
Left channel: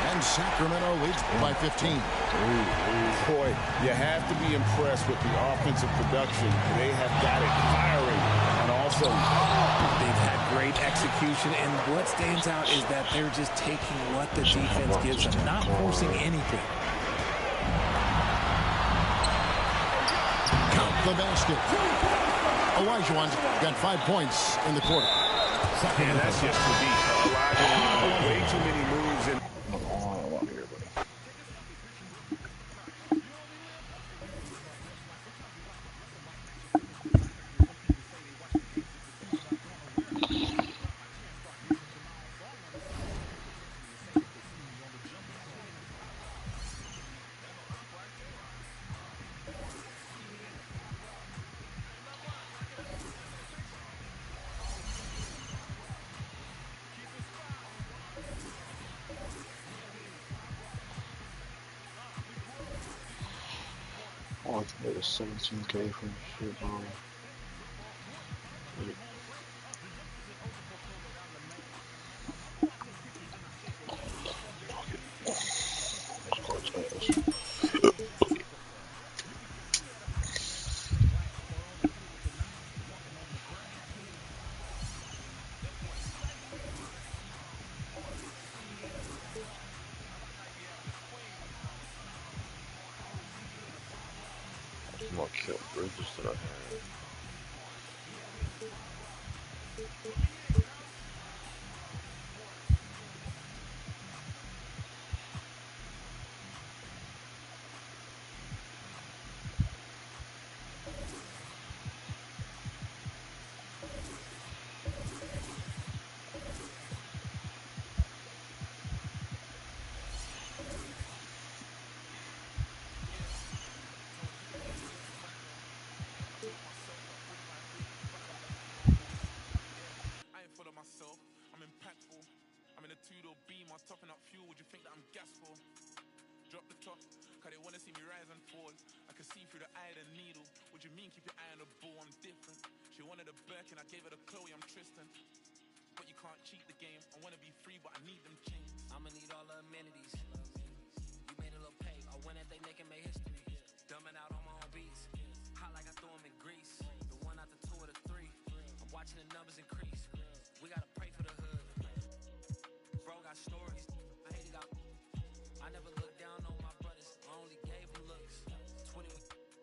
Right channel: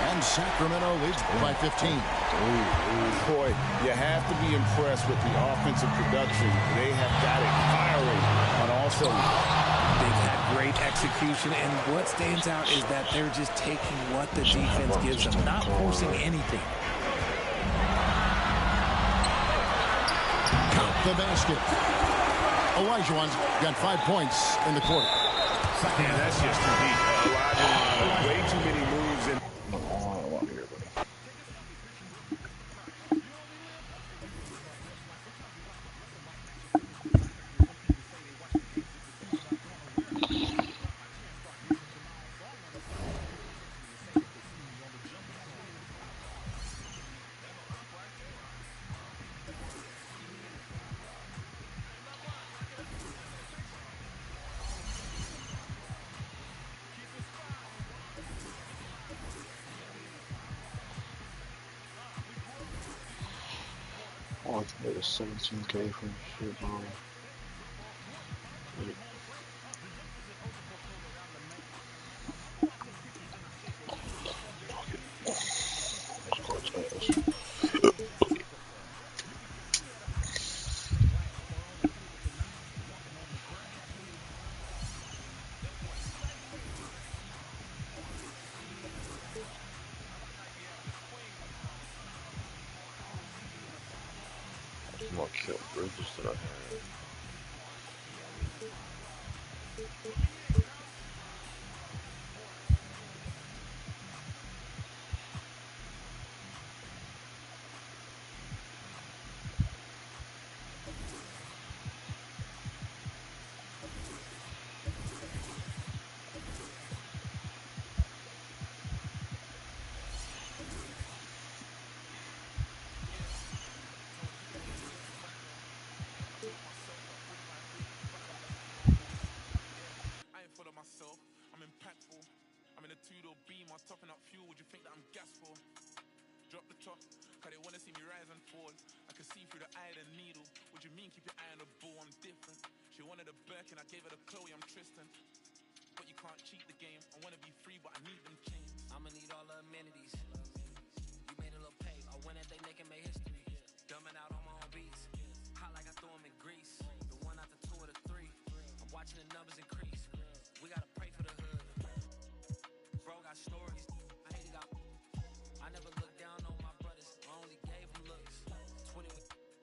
And Sacramento leads by 15. Boy, you have to be impressed with the offensive production. They have got it firing on all cylinders. They've had great execution, and what stands out is that they're just taking what the defense gives them, not forcing anything. Count the basket. Olajuwon's got 5 points in the quarter. Yeah, that's just too deep. Olajuwon, way too many moves in. calculated 17K for shit, bro. My kill bridges that I had. Topping up fuel, would you think that I'm gas for? Drop the top, cause they wanna see me rise and fall. I can see through the eye of the needle. What do you mean, keep your eye on the ball, I'm different. She wanted a Birkin, I gave her the Chloe, I'm Tristan. But you can't cheat the game, I wanna be free, but I need them chains. I'ma need all the amenities. You made a little pay, I went at they neck and made history. Dumbing out on my own beats, hot like I throw them in grease. The one out the 2 or the 3, I'm watching the numbers increase. We gotta pray for the hood. Bro got stories, I hate it out. I never looked down on my brothers, I only gave them looks. 20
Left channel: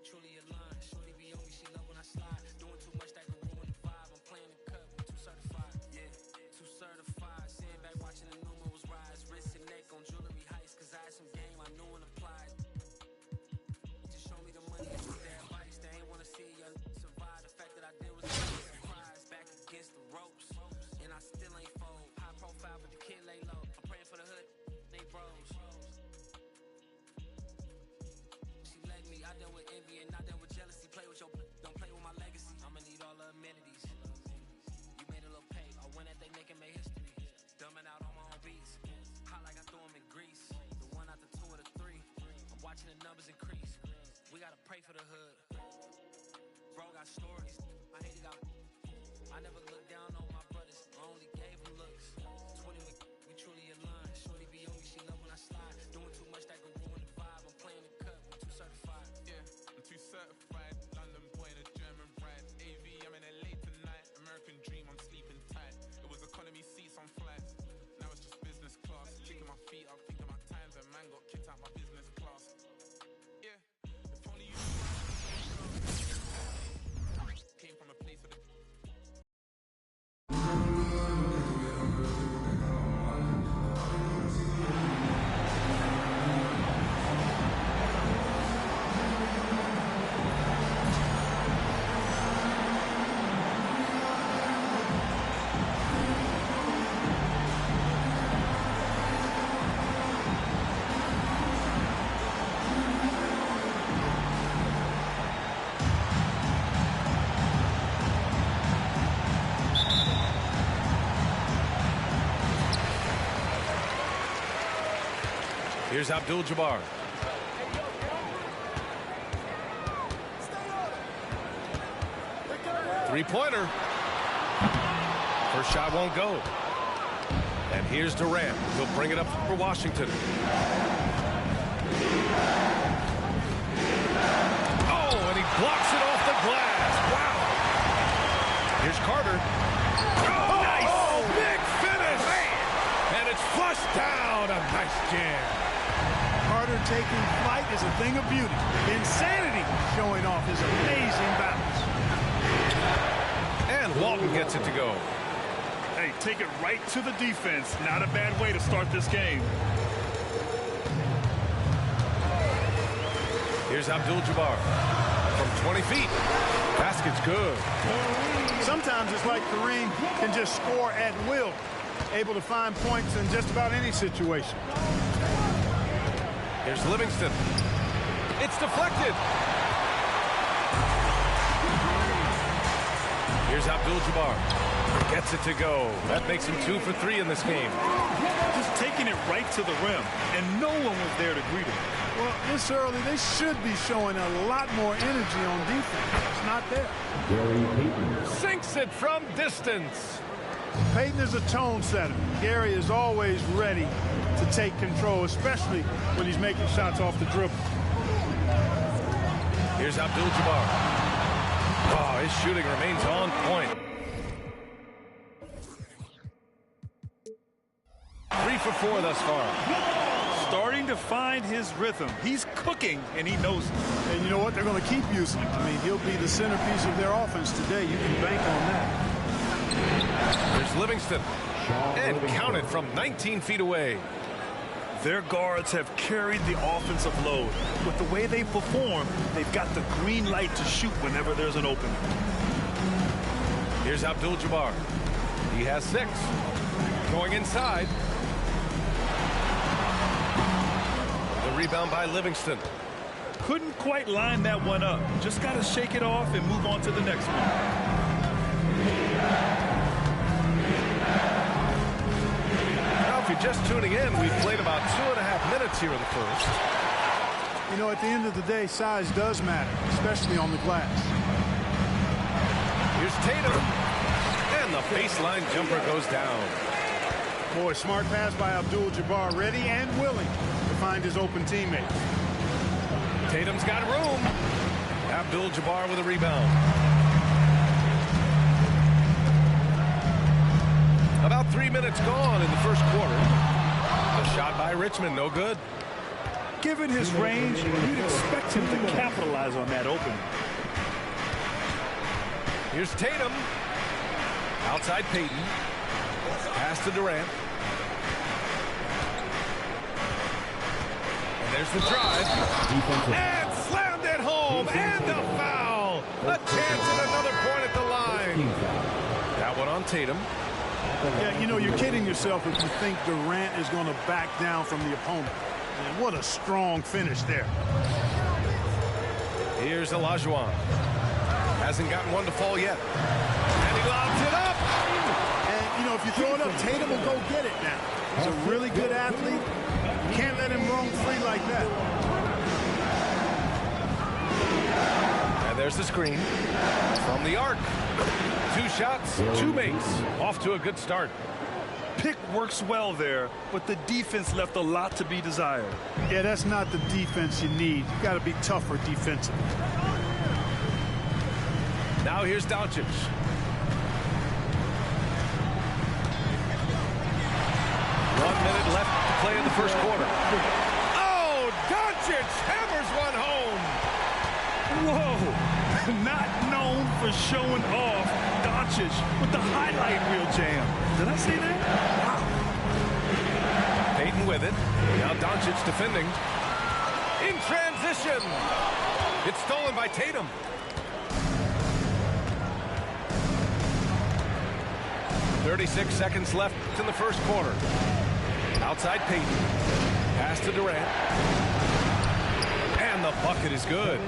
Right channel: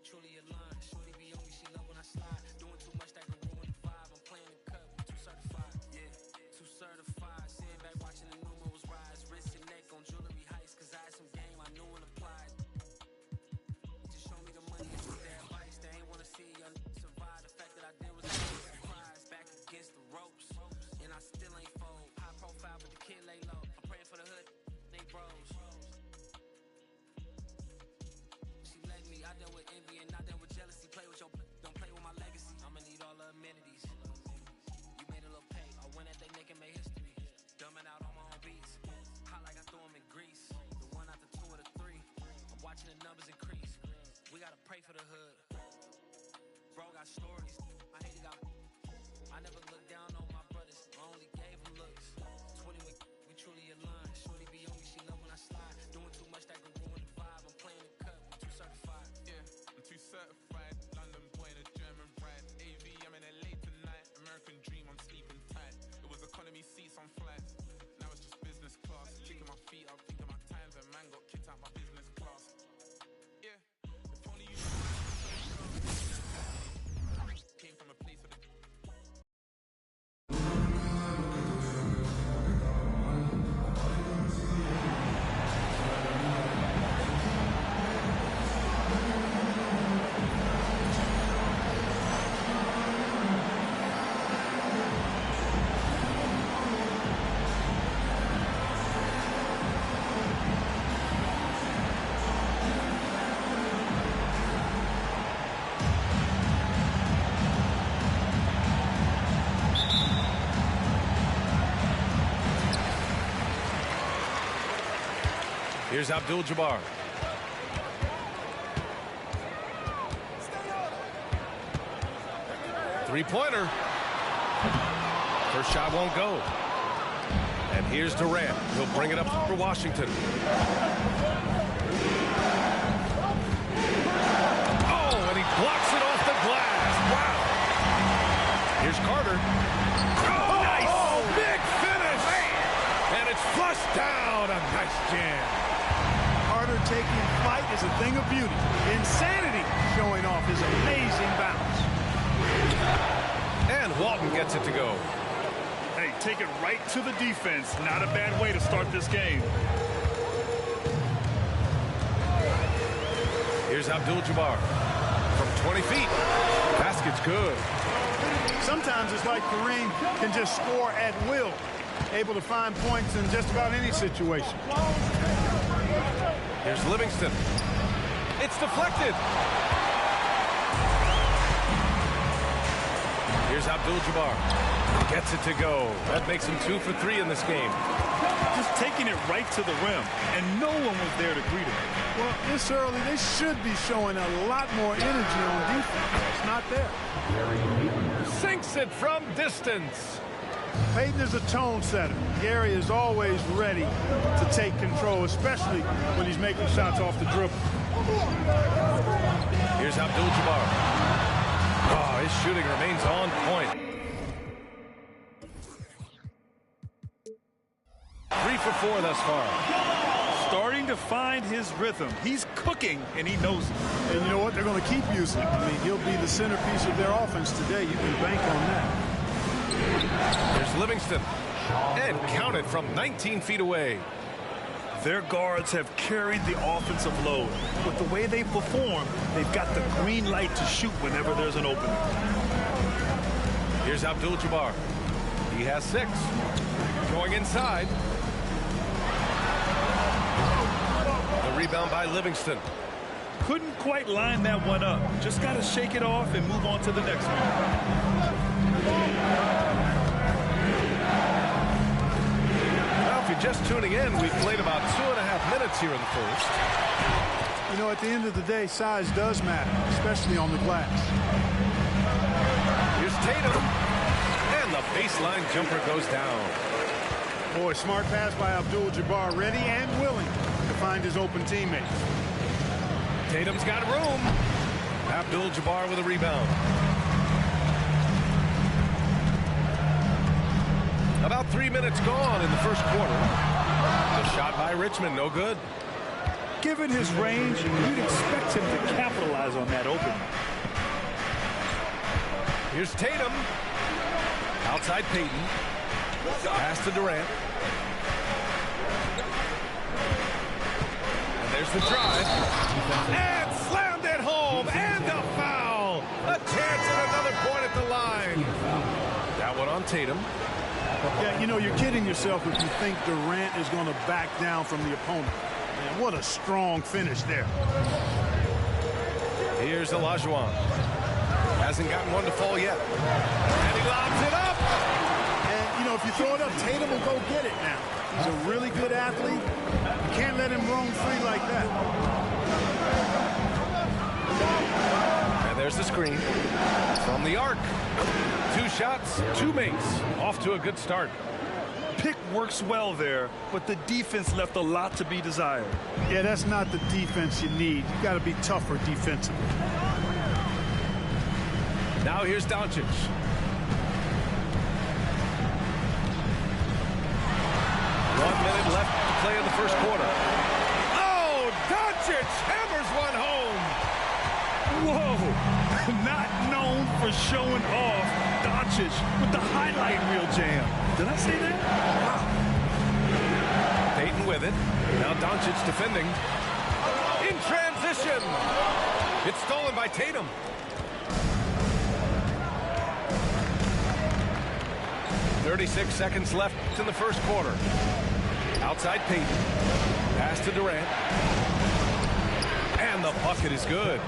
truly aligned, shorty be on me, she love when I slide. Doing too much that can ruin the vibe, I'm playing the cut, too certified. Yeah, too certified, sitting back watching the numerals rise. Wrist and neck on jewelry heights, cause I had some game I knew and applied. Just show me the money and see their advice, they ain't wanna see young survive. The fact that I did was a surprise, back against the ropes, and I still ain't fold. Profile, but the kid lay low. I'm praying for the hood, they bros. She let me, I dealt with envy and I dealt with jealousy. Play with your, don't play with my legacy. I'ma need all the amenities. You made a little pay, I went at they neck and made history. Dumbing out on my own beats, hot like I throw them in grease. The one out the 2 or the 3, I'm watching the numbers increase. We gotta pray for the hood. Bro got stories, I hate it out. I never looked down on my brothers, I only gave them looks. 20 we truly aligned, shorty be on me, she love when I slide. Doing too much that can ruin the vibe, I'm playing the cut, I'm too certified. Yeah, I'm too certified, London boy in a German ride. AV, I'm in LA tonight, American dream, I'm sleeping tight. It was economy seats on flights, now it's just business class. Kicking my feet up, thinking my times when man got kicked out my business class. Yeah, if only you came from a place where the Here's Abdul-Jabbar. Three-pointer. First shot won't go. And here's Durant. He'll bring it up for Washington. Oh, and he blocks it off the glass. Wow. Here's Carter. Oh, nice. Oh, big finish. Man. And it's flushed down. A nice jam. Carter taking flight is a thing of beauty. Insanity showing off his amazing bounce. And Walton gets it to go. Hey, take it right to the defense. Not a bad way to start this game. Here's Abdul-Jabbar from 20 feet. Basket's good. Sometimes it's like Kareem can just score at will, able to find points in just about any situation. Here's Livingston. It's deflected. Here's Abdul-Jabbar. Gets it to go. That makes him 2 for 3 in this game. Just taking it right to the rim, and no one was there to greet him. Well, this early, they should be showing a lot more energy on defense. It's not there. Gary Payton sinks it from distance. Payton is a tone setter. Gary is always ready to take control, especially when he's making shots off the dribble. Here's Abdul-Jabbar. Oh, his shooting remains on point. 3 for 4 thus far. Starting to find his rhythm. He's cooking, and he knows it. And you know what? They're going to keep using him. I mean, he'll be the centerpiece of their offense today. You can bank on that. There's Livingston. And counted from 19 feet away. Their guards have carried the offensive load. With the way they perform, they've got the green light to shoot whenever there's an opening. Here's Abdul-Jabbar. He has 6. Going inside. The rebound by Livingston. Couldn't quite line that one up. Just got to shake it off and move on to the next one. Well, if you're just tuning in, we've played about 2.5 minutes here in the first. You know, at the end of the day, size does matter, especially on the glass. Here's Tatum. And the baseline jumper goes down. Boy, smart pass by Abdul-Jabbar, ready and willing to find his open teammates. Tatum's got room. Abdul-Jabbar with a rebound. About 3 minutes gone in the first quarter. The shot by Richmond, no good. Given his range, you'd expect him to capitalize on that opening. Here's Tatum. Outside Payton. Pass to Durant. And there's the drive. And slammed it home. And a foul. A chance at another point at the line. That one on Tatum. Yeah, you know, you're kidding yourself if you think Durant is going to back down from the opponent. Man, what a strong finish there. Here's Olajuwon. Hasn't gotten one to fall yet. And he lobs it up. And, you know, if you throw it up, Tatum will go get it now. He's a really good athlete. You can't let him roam free like that. And there's the screen from the arc. 2 shots, 2 makes. Off to a good start. Pick works well there, but the defense left a lot to be desired. Yeah, that's not the defense you need. You got to be tougher defensively. Now here's Doncic. One minute left to play in the first quarter. Oh, Doncic hammers one home. Whoa. Not known for showing off. Doncic with the highlight reel jam. Did I say that? Wow. Payton with it. Now Doncic defending. In transition. It's stolen by Tatum. .36 seconds left in the first quarter. Outside Payton. Pass to Durant. And the bucket is good.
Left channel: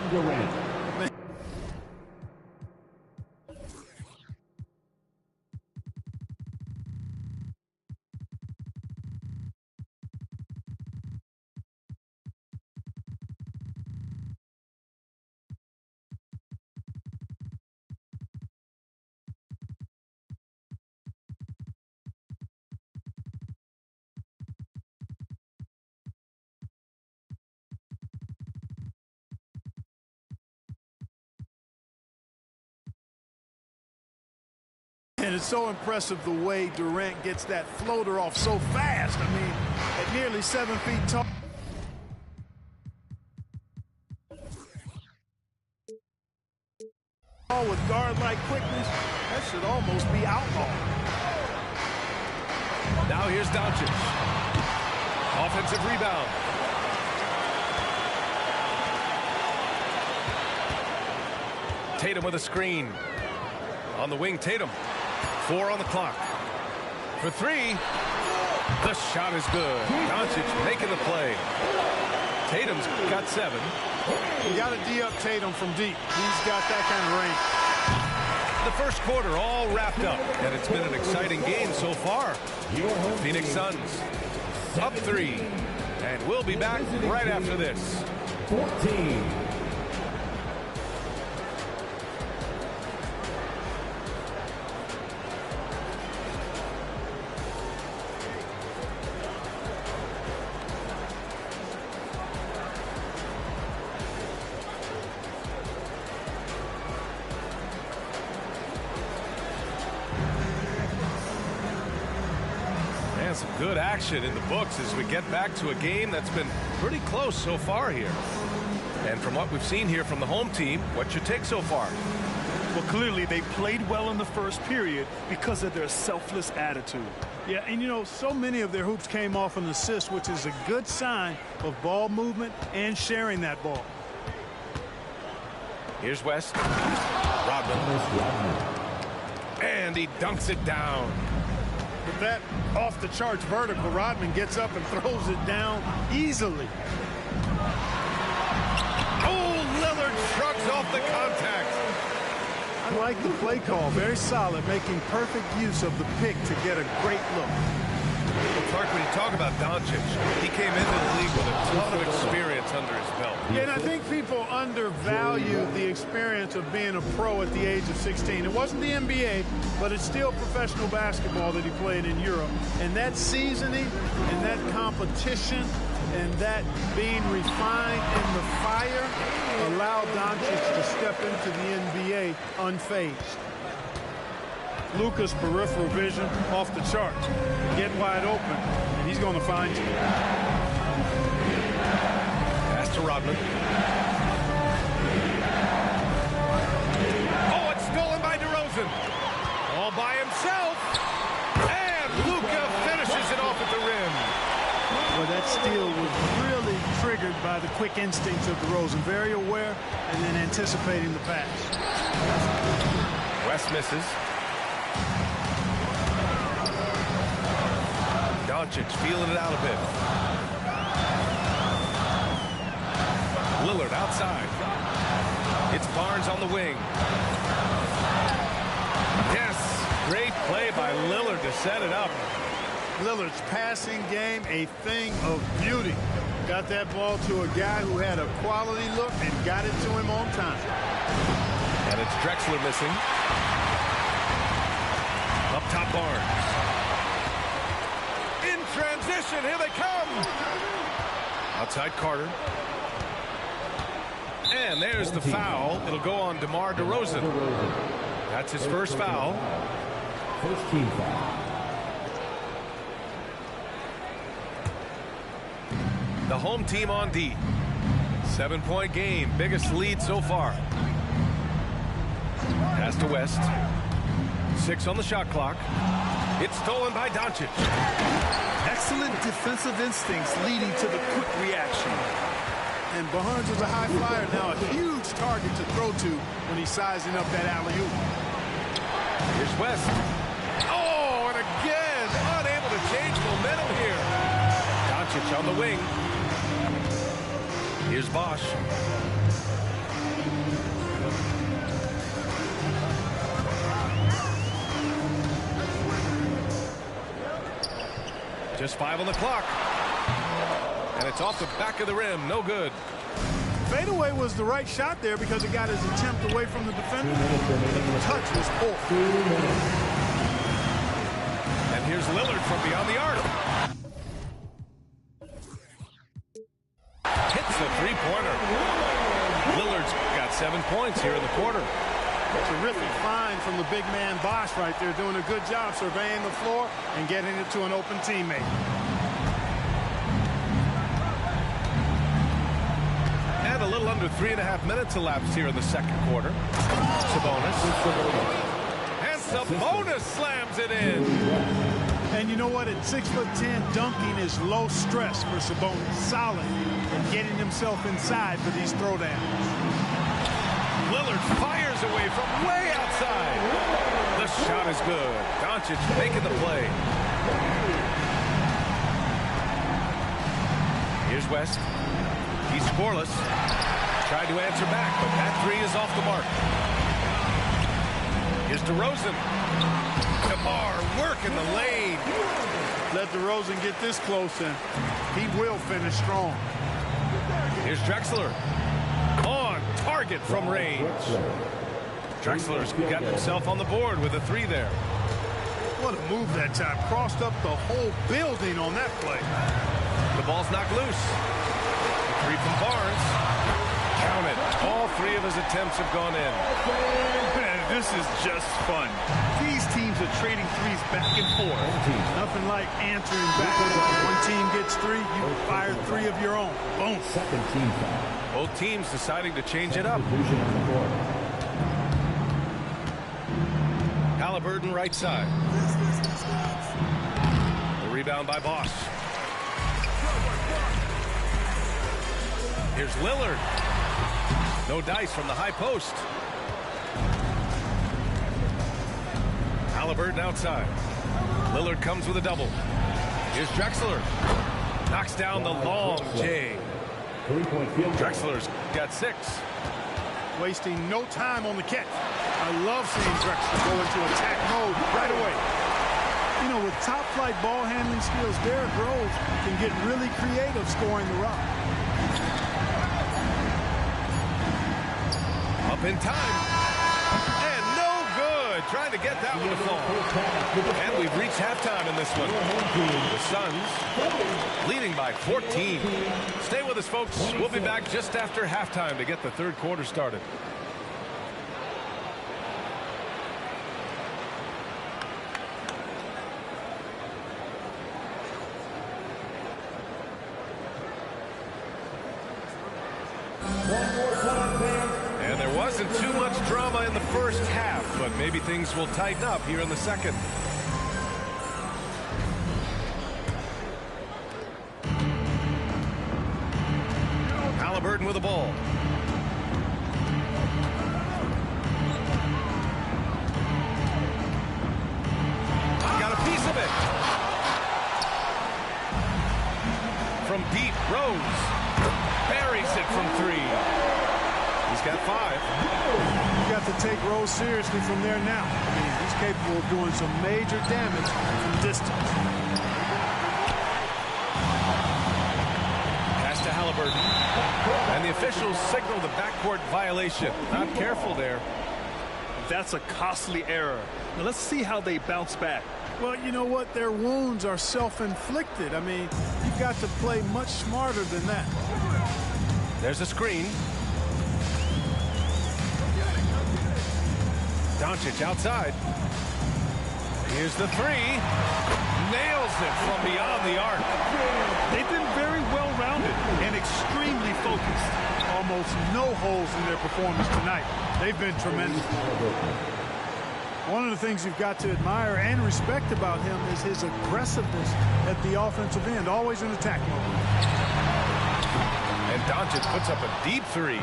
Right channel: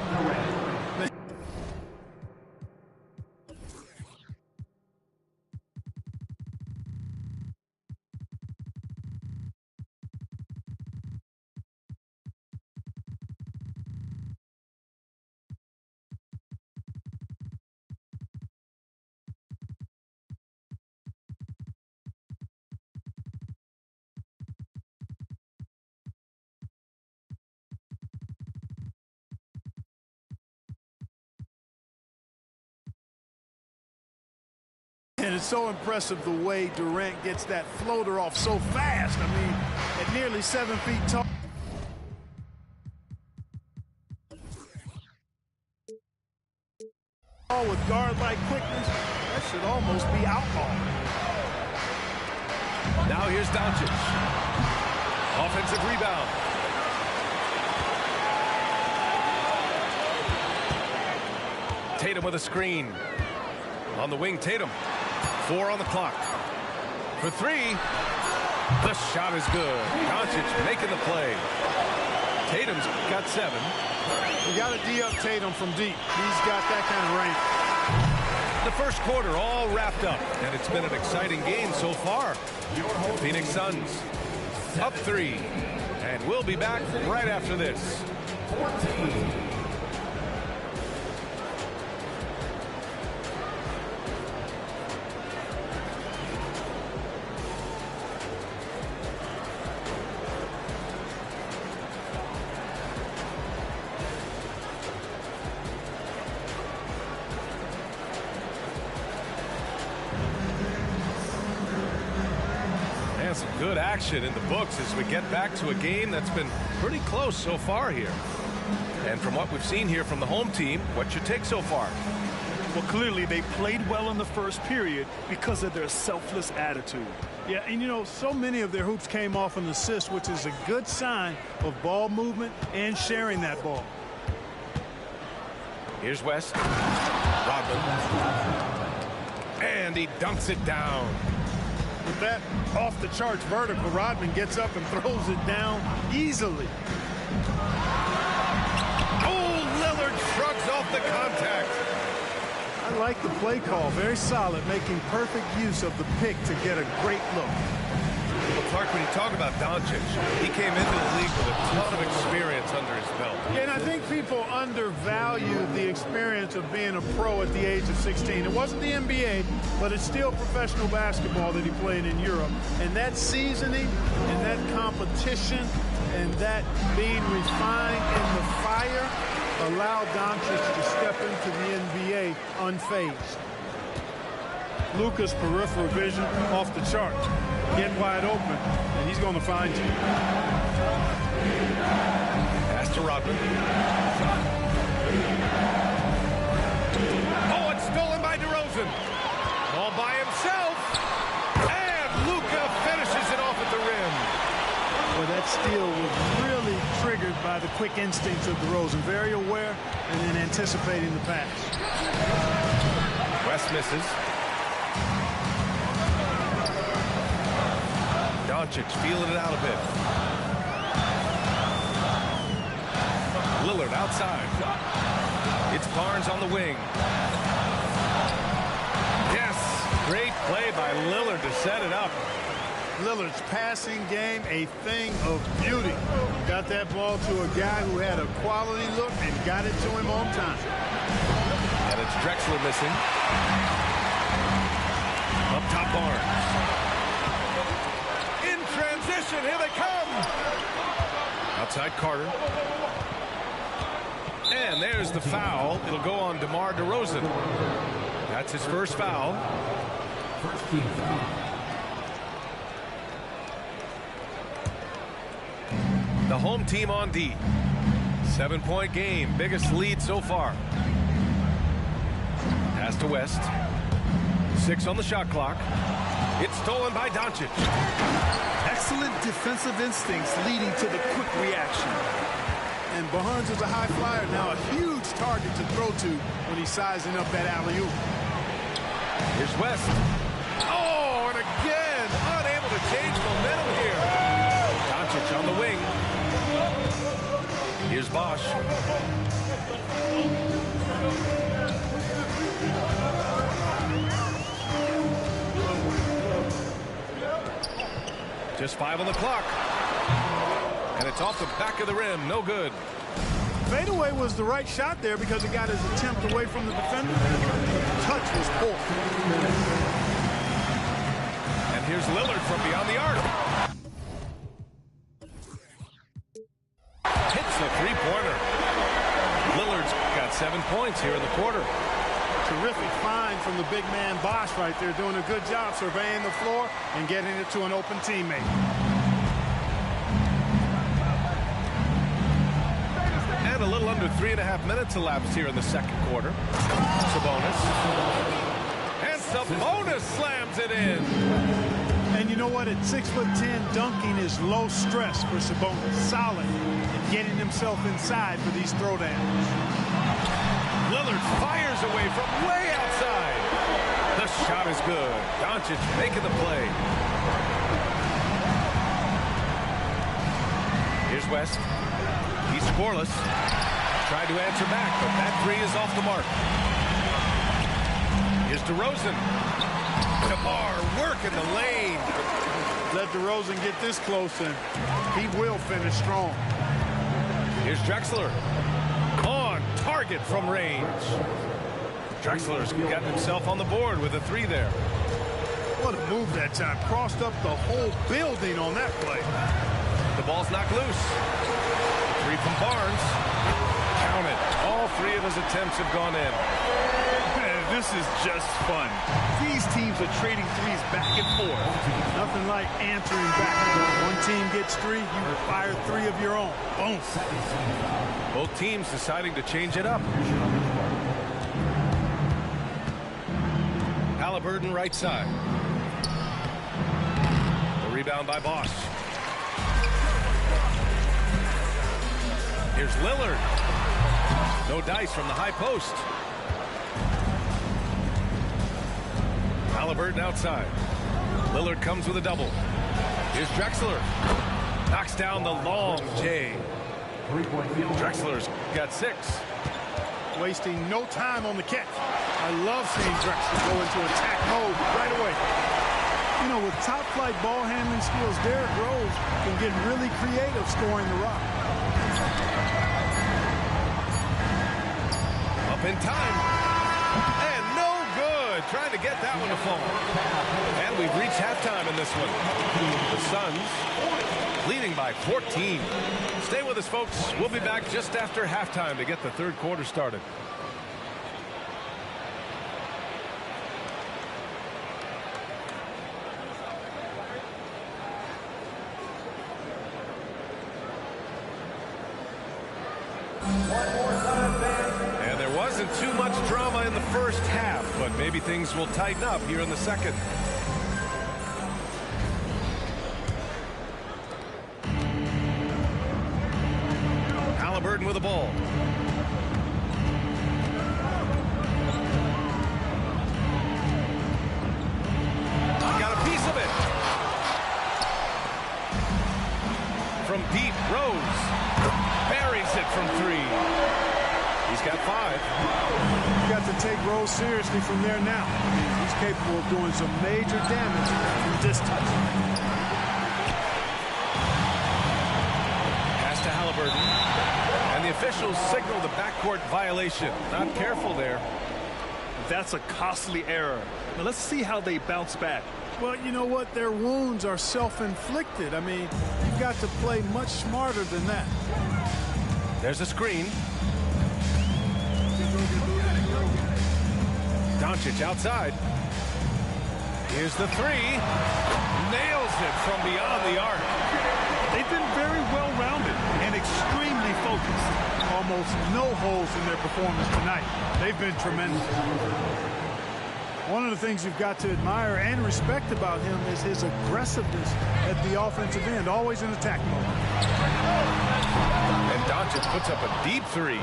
And it's so impressive the way Durant gets that floater off so fast. I mean, at nearly 7 feet tall. With guard-like quickness, that should almost be outlawed. Now here's Doncic. Offensive rebound. Tatum with a screen. On the wing, Tatum. 4 on the clock. For 3. The shot is good. Doncic making the play. Tatum's got 7. You got to D up Tatum from deep. He's got that kind of range. The first quarter all wrapped up, and it's been an exciting game so far. The Phoenix Suns up 3, and we'll be back right after this. 14. And some good action in the books as we get back to a game that's been pretty close so far here. And from what we've seen here from the home team, what's your take so far? Well, clearly they played well in the first period because of their selfless attitude. Yeah, and you know, so many of their hoops came off an assist, which is a good sign of ball movement and sharing that ball. Here's West. Rodman. And he dunks it down. With that off-the-charts vertical, Rodman gets up and throws it down easily. Oh, Lillard shrugs off the contact. I like the play call. Very solid, making perfect use of the pick to get a great look. Well, Clark, when you talk about Doncic, he came into the league with a ton of experience under his belt. Yeah, and I think people undervalue the experience of being a pro at the age of 16. It wasn't the NBA, but it's still professional basketball that he played in Europe. And that seasoning and that competition and that being refined in the fire allowed Doncic to step into the NBA unfazed. Luka's peripheral vision off the charts. Get wide open, and he's going to find you. Pass to Rodman. Oh, it's stolen by DeRozan. All by himself. And Luka finishes it off at the rim. Well, that steal was really triggered by the quick instincts of DeRozan. Very aware and then anticipating the pass. West misses. Doncic feeling it out a bit. Lillard outside. It's Barnes on the wing. Yes, great play by Lillard to set it up. Lillard's passing game, a thing of beauty. Got that ball to a guy who had a quality look and got it to him on time. And it's Drexler missing. Up top, Barnes. In transition, here they come. Outside Carter. And there's the foul. It'll go on DeMar DeRozan. That's his first foul. First team foul. The home team on D. 7-point game. Biggest lead so far. Pass to West. 6 on the shot clock. It's stolen by Doncic. Excellent defensive instincts leading to the quick reaction. And Barnes is a high flyer now, a huge target to throw to when he's sizing up that alley-oop. Here's West. Oh, and again, unable to change momentum here. Doncic on the wing. Here's Bosch. Just 5 on the clock. And it's off the back of the rim. No good. Fadeaway was the right shot there because it got his attempt away from the defender, but the touch was poor. And here's Lillard from beyond the arc. Hits a three-pointer. Lillard's got 7 points here in the quarter. Terrific find from the big man Bosch right there, doing a good job surveying the floor and getting it to an open teammate. And a little under 3.5 minutes elapsed here in the second quarter. Sabonis. And Sabonis slams it in. And you know what? At 6'10", dunking is low stress for Sabonis. Solid at getting himself inside for these throwdowns. Lillard fires away from way outside. The shot is good. Doncic making the play. Here's West. He's scoreless. Tried to answer back, but that three is off the mark. Here's DeRozan. DeMar working the lane. Let DeRozan get this close, and he will finish strong. Here's Drexler. On target from range. Drexler's gotten himself on the board with a 3 there. What a move that time. Crossed up the whole building on that play. The ball's knocked loose. The 3 from Barnes. Count it. All 3 of his attempts have gone in. Man, this is just fun. These teams are trading threes back and forth. Nothing like answering back. One team gets 3, you fire 3 of your own. Boom. Both teams deciding to change it up. Halliburton right side. The rebound by Bosch. Here's Lillard. No dice from the high post. Halliburton outside. Lillard comes with a double. Here's Drexler. Knocks down the long J. Drexler's got 6. Wasting no time on the catch. I love seeing Drexler go into attack mode right away. You know, with top-flight ball handling skills, Derrick Rose can get really creative scoring the rock. Up in time. And no good. Trying to get that one to fall. And we've reached halftime in this one. The Suns leading by 14. Stay with us, folks. We'll be back just after halftime to get the third quarter started. And there wasn't too much drama in the first half, but maybe things will tighten up here in the second. Halliburton with the ball. Got a piece of it. From deep, Rose buries it from 3. He's got 5. You got to take Rose seriously from there now. I mean, he's capable of doing some major damage from distance. Pass to Halliburton. And the officials signal the backcourt violation. Not careful there. That's a costly error. Now let's see how they bounce back. Well, you know what? Their wounds are self-inflicted. I mean, you've got to play much smarter than that. There's a screen. Doncic outside. Here's the 3. Nails it from beyond the arc. They've been very well-rounded and extremely focused. Almost no holes in their performance tonight. They've been tremendous. One of the things you've got to admire and respect about him is his aggressiveness at the offensive end, always in attack mode. And Doncic puts up a deep 3.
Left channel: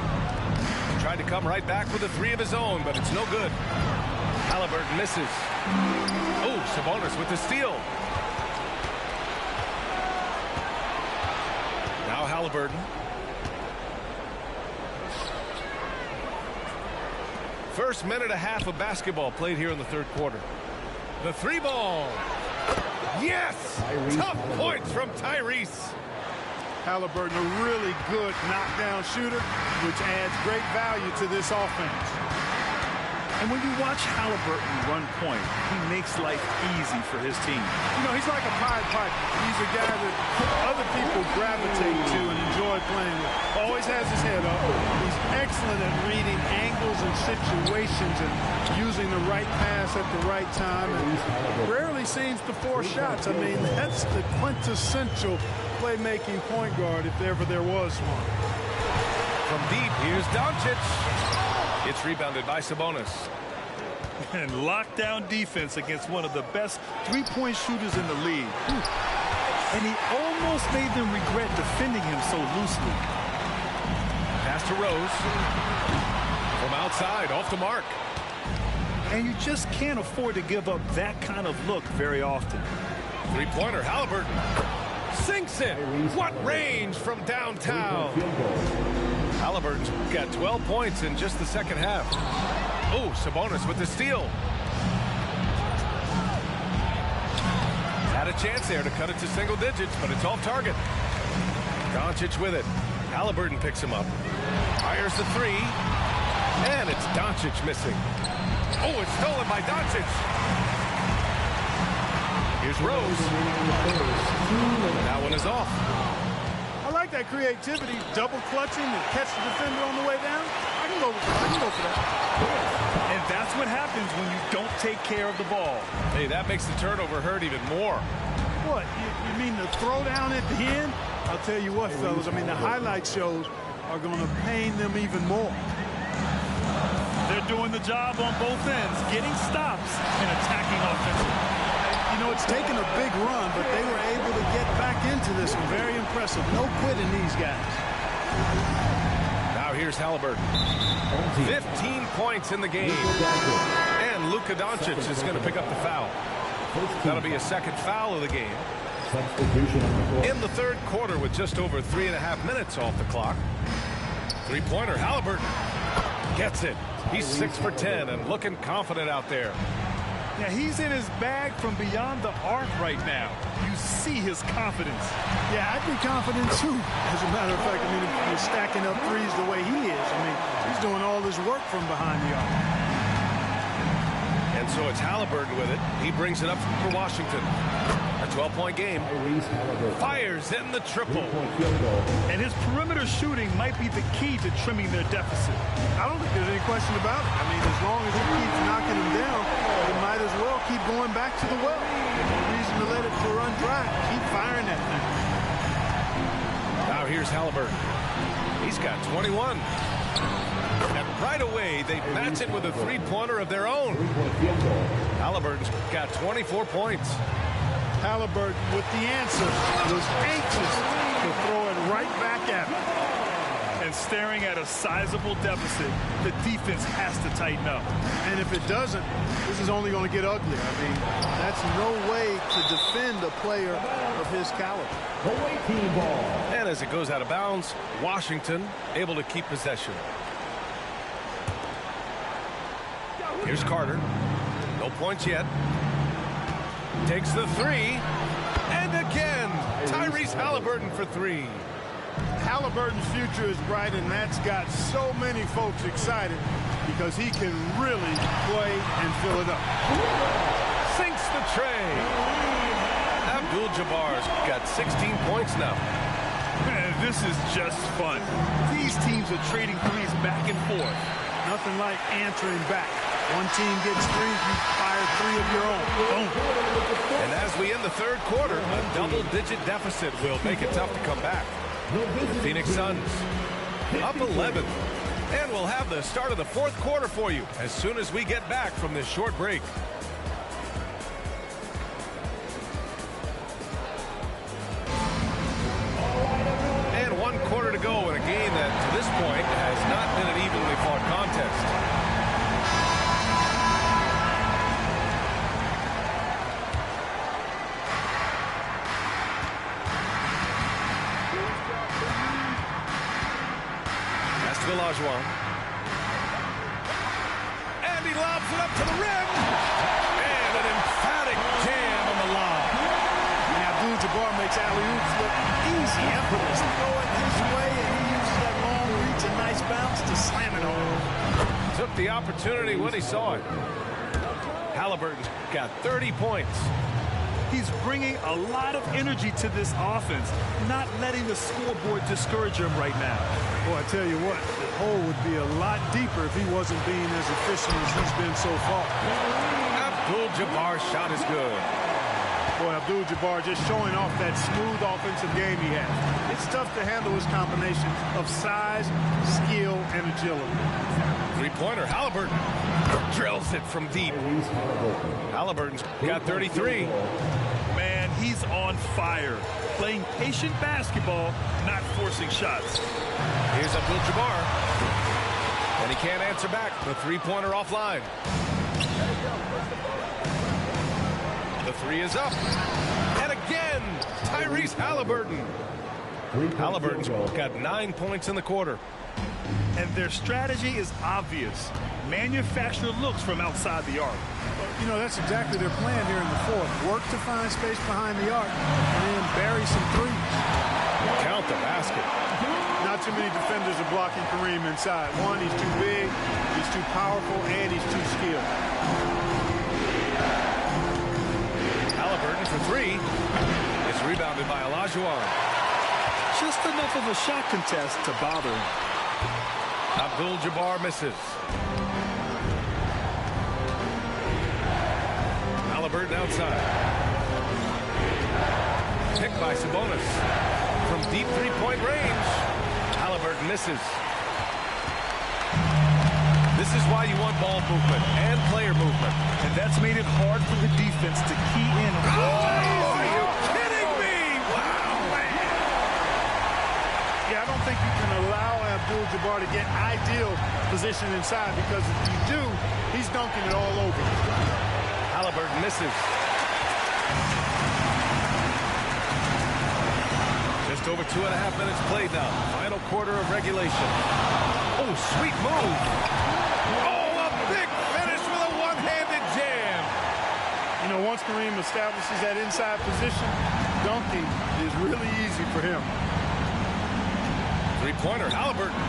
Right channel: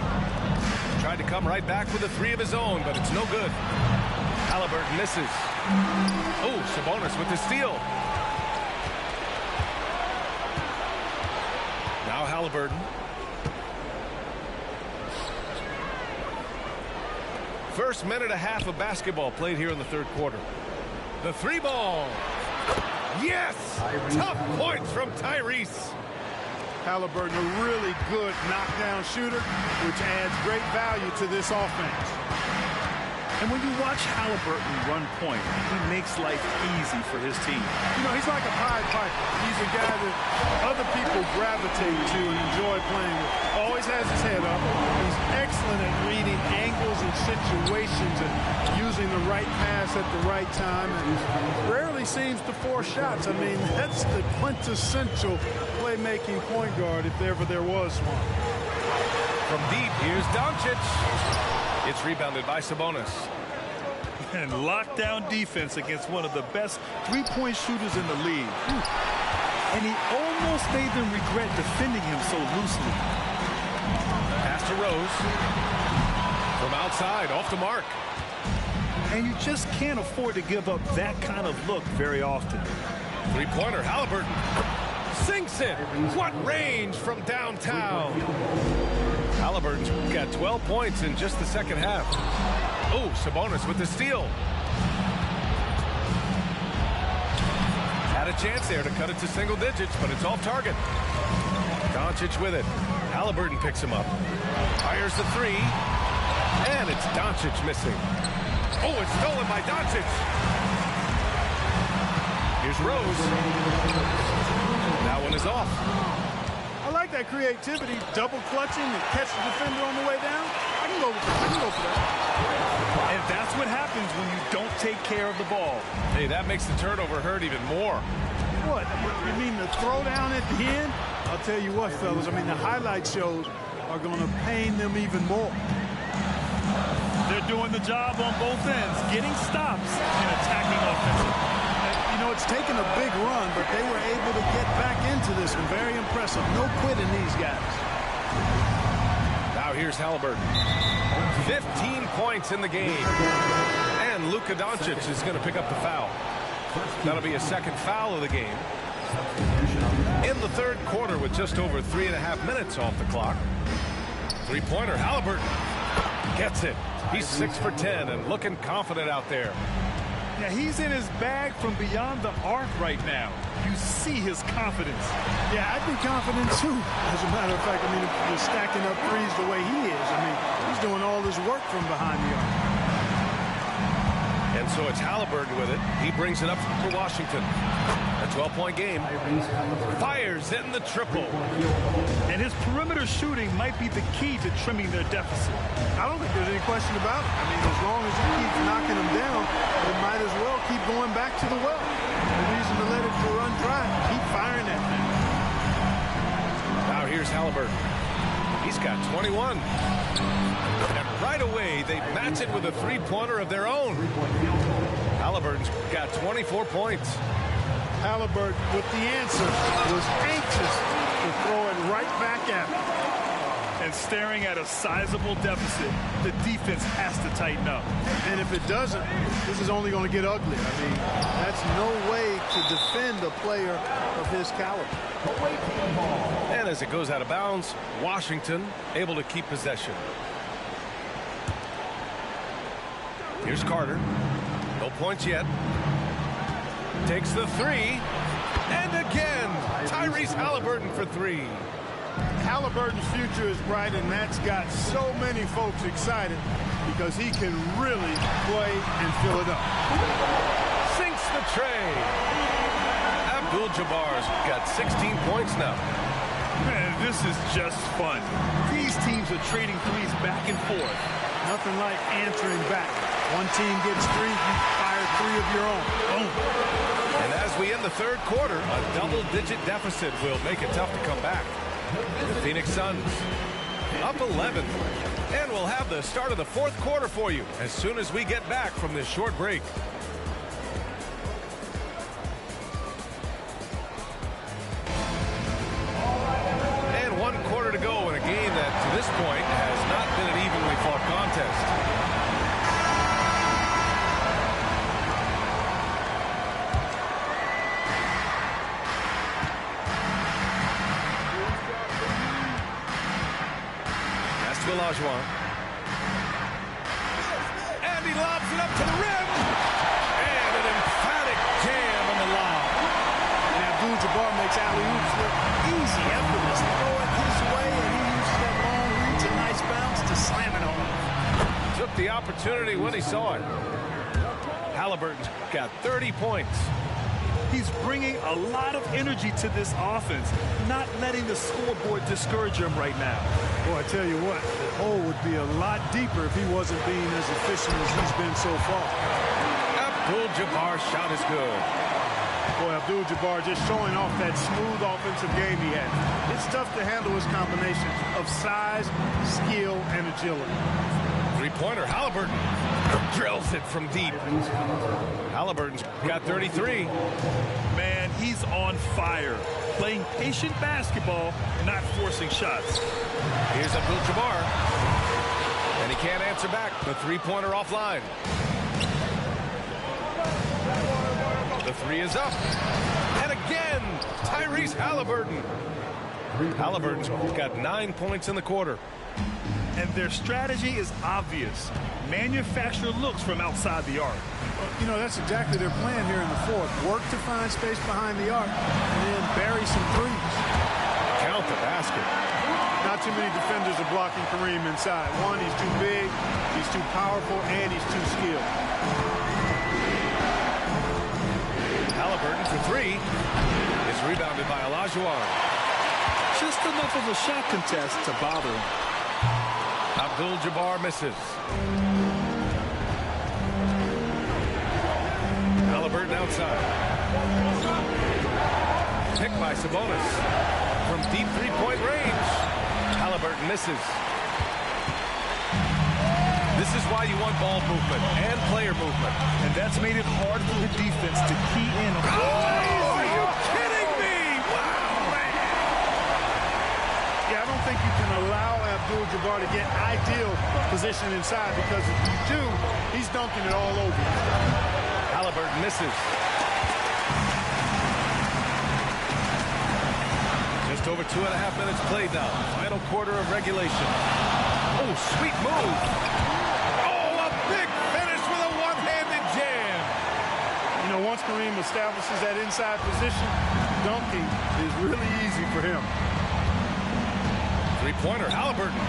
Tried to come right back with a 3 of his own, but it's no good. Halliburton misses. Oh, Sabonis with the steal. Now Halliburton. First minute and a half of basketball played here in the third quarter. The 3 ball. Yes! Tyrese. Tough points from Tyrese. Halliburton, a really good knockdown shooter, which adds great value to this offense. And when you watch Halliburton run point, he makes life easy for his team. You know, he's like a Pied Piper. He's a guy that other people gravitate to and enjoy playing with. Always has his head up. He's excellent at reading angles and situations and using the right pass at the right time, and rarely seems to force shots. I mean, that's the quintessential playmaking point guard if ever there was one. From deep, here's Doncic. It's rebounded by Sabonis. And lockdown defense against one of the best three-point shooters in the league. And he almost made them regret defending him so loosely. Pass to Rose. From outside, off the mark. And you just can't afford to give up that kind of look very often. Three-pointer, Halliburton. Sinks it. What range from downtown. Halliburton's got 12 points in just the second half. Oh, Sabonis with the steal. Had a chance there to cut it to single digits, but it's off target. Doncic with it. Halliburton picks him up. Fires the three. And it's Doncic missing. Oh, it's stolen by Doncic. Here's Rose. That one is off. I like that creativity, double clutching and catch the defender on the way down. I can go for that. And that's what happens when you don't take care of the ball. Hey, that makes the turnover hurt even more. What? You mean the throwdown at the end? I'll tell you what, fellas. I mean, the highlight shows are going to pain them even more. They're doing the job on both ends, getting stops and attacking offensively. You know, it's taken a big run, but they were able to get back into this one. Very impressive. No quitting these guys. Now here's Halliburton. 15 points in the game. And Luka Doncic is going to pick up the foul. That'll be a second foul of the game. In the third quarter with just over 3.5 minutes off the clock. Three-pointer, Halliburton gets it. He's 6 for 10 and looking confident out there. Yeah, he's in his bag from beyond the arc right now. You see his confidence. Yeah, I'd be confident too. As a matter of fact, I mean, if you're stacking up threes the way he is, I mean, he's doing all his work from behind the arc. And so it's Halliburton with it. He brings it up for Washington. A 12-point game. Fires in the triple. And his perimeter shooting might be the key to trimming their deficit. I don't think there's any question about it. I mean, as long as he keeps knocking them down, they might as well keep going back to the well. No reason to let it run dry. Keep firing that thing. Now here's Halliburton. He's got 21. And right away, they match it with a three-pointer of their own. Halliburton's got 24 points. Halliburton with the answer was anxious to throw it right back at him. And staring at a sizable deficit, the defense has to tighten up. And if it doesn't, this is only going to get uglier. I mean, that's no way to defend a player of his caliber. And as it goes out of bounds, Washington able to keep possession. Here's Carter. No points yet. Takes the three. And again, Tyrese Halliburton for three. Halliburton's future is bright, and that's got so many folks excited because he can really play and fill it up. Sinks the tray. Abdul-Jabbar's got 16 points now. Man, this is just fun. These teams are trading threes back and forth. Nothing like answering back. One team gets three, you fire three of your own. Boom. And as we end the third quarter, a double-digit deficit will make it tough to come back. The Phoenix Suns up 11. And we'll have the start of the fourth quarter for you as soon as we get back from this short break. And 1 quarter to go in a game that to this point has not been an evenly fought contest. Olajuwon. And he lobs it up to the rim. And an emphatic jam on the lob. And Abdul-Jabbar makes alley-oops look easy, effortless. Throw it his way, and he uses that long reach, a nice bounce to slam it home. Took the opportunity when he saw it. Halliburton's got 30 points. He's bringing a lot of energy to this offense, not letting the scoreboard discourage him right now. Boy, I tell you what, the hole would be a lot deeper if he wasn't being as efficient as he's been so far. Abdul-Jabbar's shot is good. Boy, Abdul-Jabbar just showing off that smooth offensive game he has. It's tough to handle his combination of size, skill, and agility. Three-pointer, Halliburton drills it from deep. Halliburton's got 33. Man, he's on fire. Playing patient basketball, not forcing shots. Here's Abdul-Jabbar. And he can't answer back. The three-pointer offline. The three is up. And again, Tyrese Halliburton. Halliburton's got 9 points in the quarter. And their strategy is obvious. Manufacture looks from outside the arc. You know, that's exactly their plan here in the fourth. Work to find space behind the arc and then bury some threes. Count the basket. Not too many defenders are blocking Kareem inside. One, he's too big, he's too powerful, and he's too skilled. Halliburton for three. It's rebounded by Olajuwon. Just enough of a shot contest to bother him. Abdul-Jabbar misses. Halliburton outside. Picked by Sabonis. From deep three-point range, Halliburton misses. This is why you want ball movement and player movement. And that's made it hard for the defense to key in. Oh, are you kidding me? Wow, man. Yeah, I don't think you can allow Abdul-Jabbar to get ideal position inside, because if you do, he's dunking it all over you. Halliburton misses. Just over 2.5 minutes played now. Final quarter of regulation. Oh, sweet move. Oh, a big finish with a one-handed jam. You know, once Kareem establishes that inside position, dunking is really easy for him. Three-pointer, Halliburton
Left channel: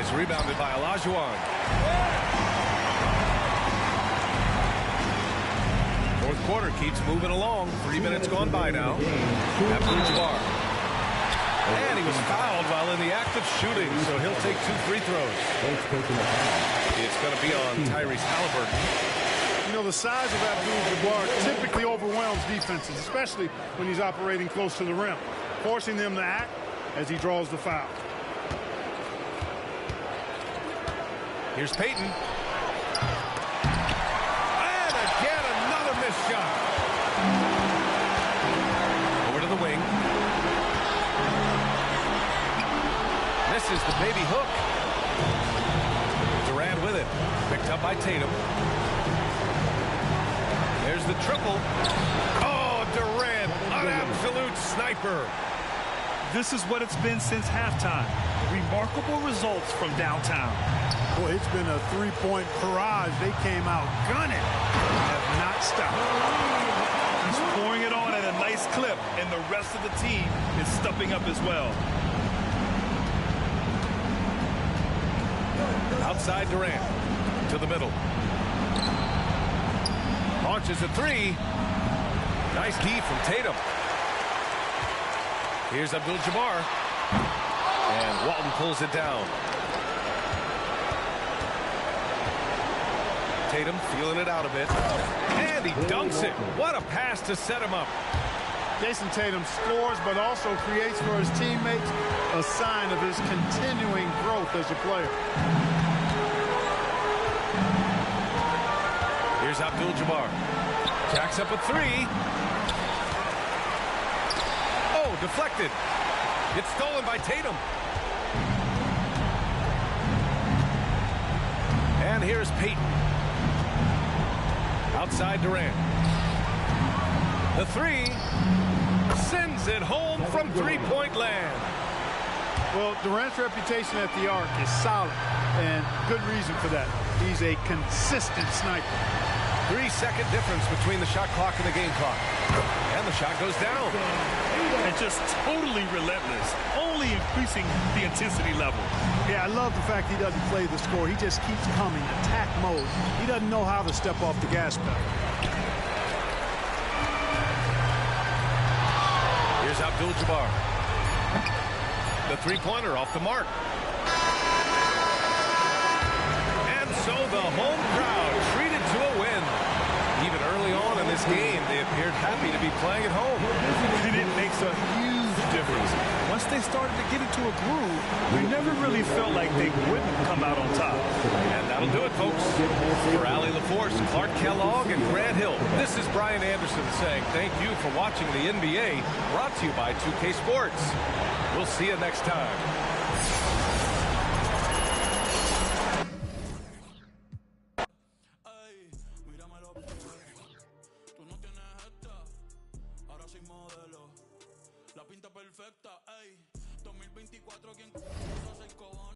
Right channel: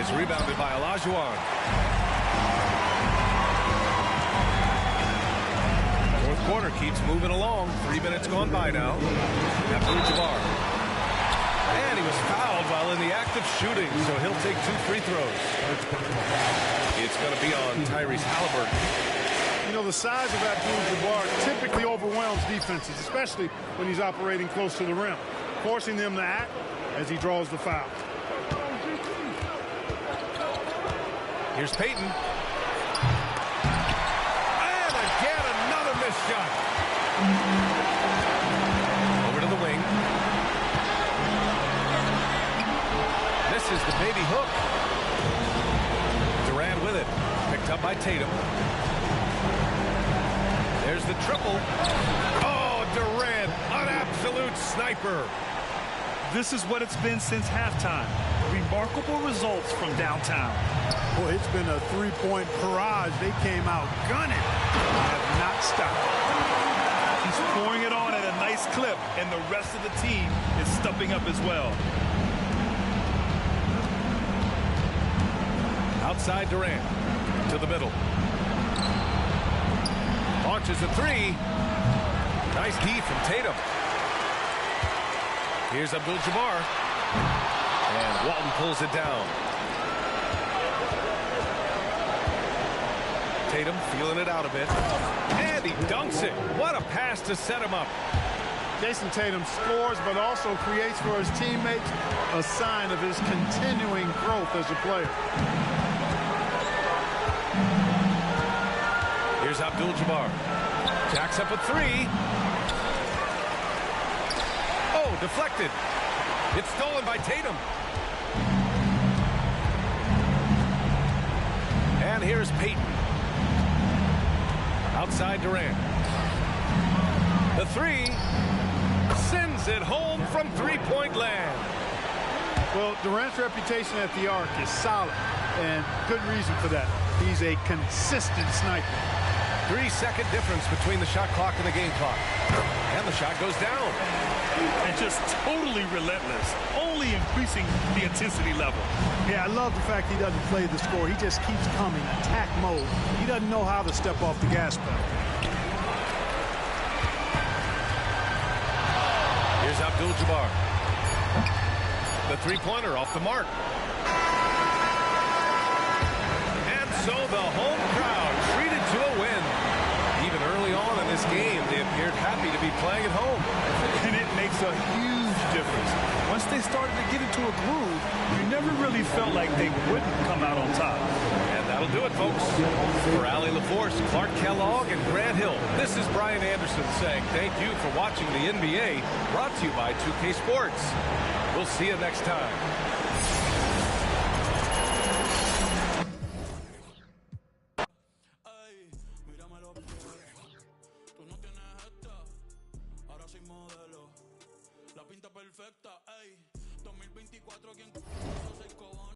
is rebounded by Olajuwon. Fourth quarter keeps moving along. 3 minutes gone by now. Abdul-Jabbar. And he was fouled while in the act of shooting, so he'll take 2 free throws. It's going to be on Tyrese Halliburton. You know, the size of Abdul-Jabbar typically overwhelms defenses, especially when he's operating close to the rim, forcing them to act as he draws the foul. Here's Payton. And again, another missed shot. Over to the wing. Misses the baby hook. Durant with it. Picked up by Tatum. There's the triple. Oh, Durant, an absolute sniper. This is what it's been since halftime. Remarkable results from downtown. Boy, it's been a three-point barrage. They came out gunning and have not stopped. He's pouring it on at a nice clip, and the rest of the team is stepping up as well. Outside Durant to the middle. Launches a three. Nice D from Tatum. Here's Abdul-Jabbar. And Walton pulls it down. Tatum feeling it out a bit. And he dunks it. What a pass to set him up. Jason Tatum scores, but also creates for his teammates a sign of his continuing growth as a player. Here's Abdul-Jabbar. Jacks up a three. Oh, deflected. It's stolen by Tatum. And here's Payton. Outside Durant. The three sends it home from three-point land. Well, Durant's reputation at the arc is solid, and good reason for that. He's a consistent sniper. 3-second difference between the shot clock and the game clock. And the shot goes down. And just totally relentless, only increasing the intensity level. Yeah, I love the fact he doesn't play the score. He just keeps coming, attack mode. He doesn't know how to step off the gas pedal. Here's Abdul-Jabbar. The three-pointer off the mark. And so the home crowd treated to a win. Even early on in this game, they appeared happy to be playing at home. And it makes a huge difference. Once they started to get into a groove, we never really felt like they wouldn't come out on top. And that'll do it, folks. For Allie LaForce, Clark Kellogg, and Grant Hill, this is Brian Anderson saying thank you for watching the NBA, brought to you by 2K Sports. We'll see you next time. Perfecta, ey, 2024, ¿quién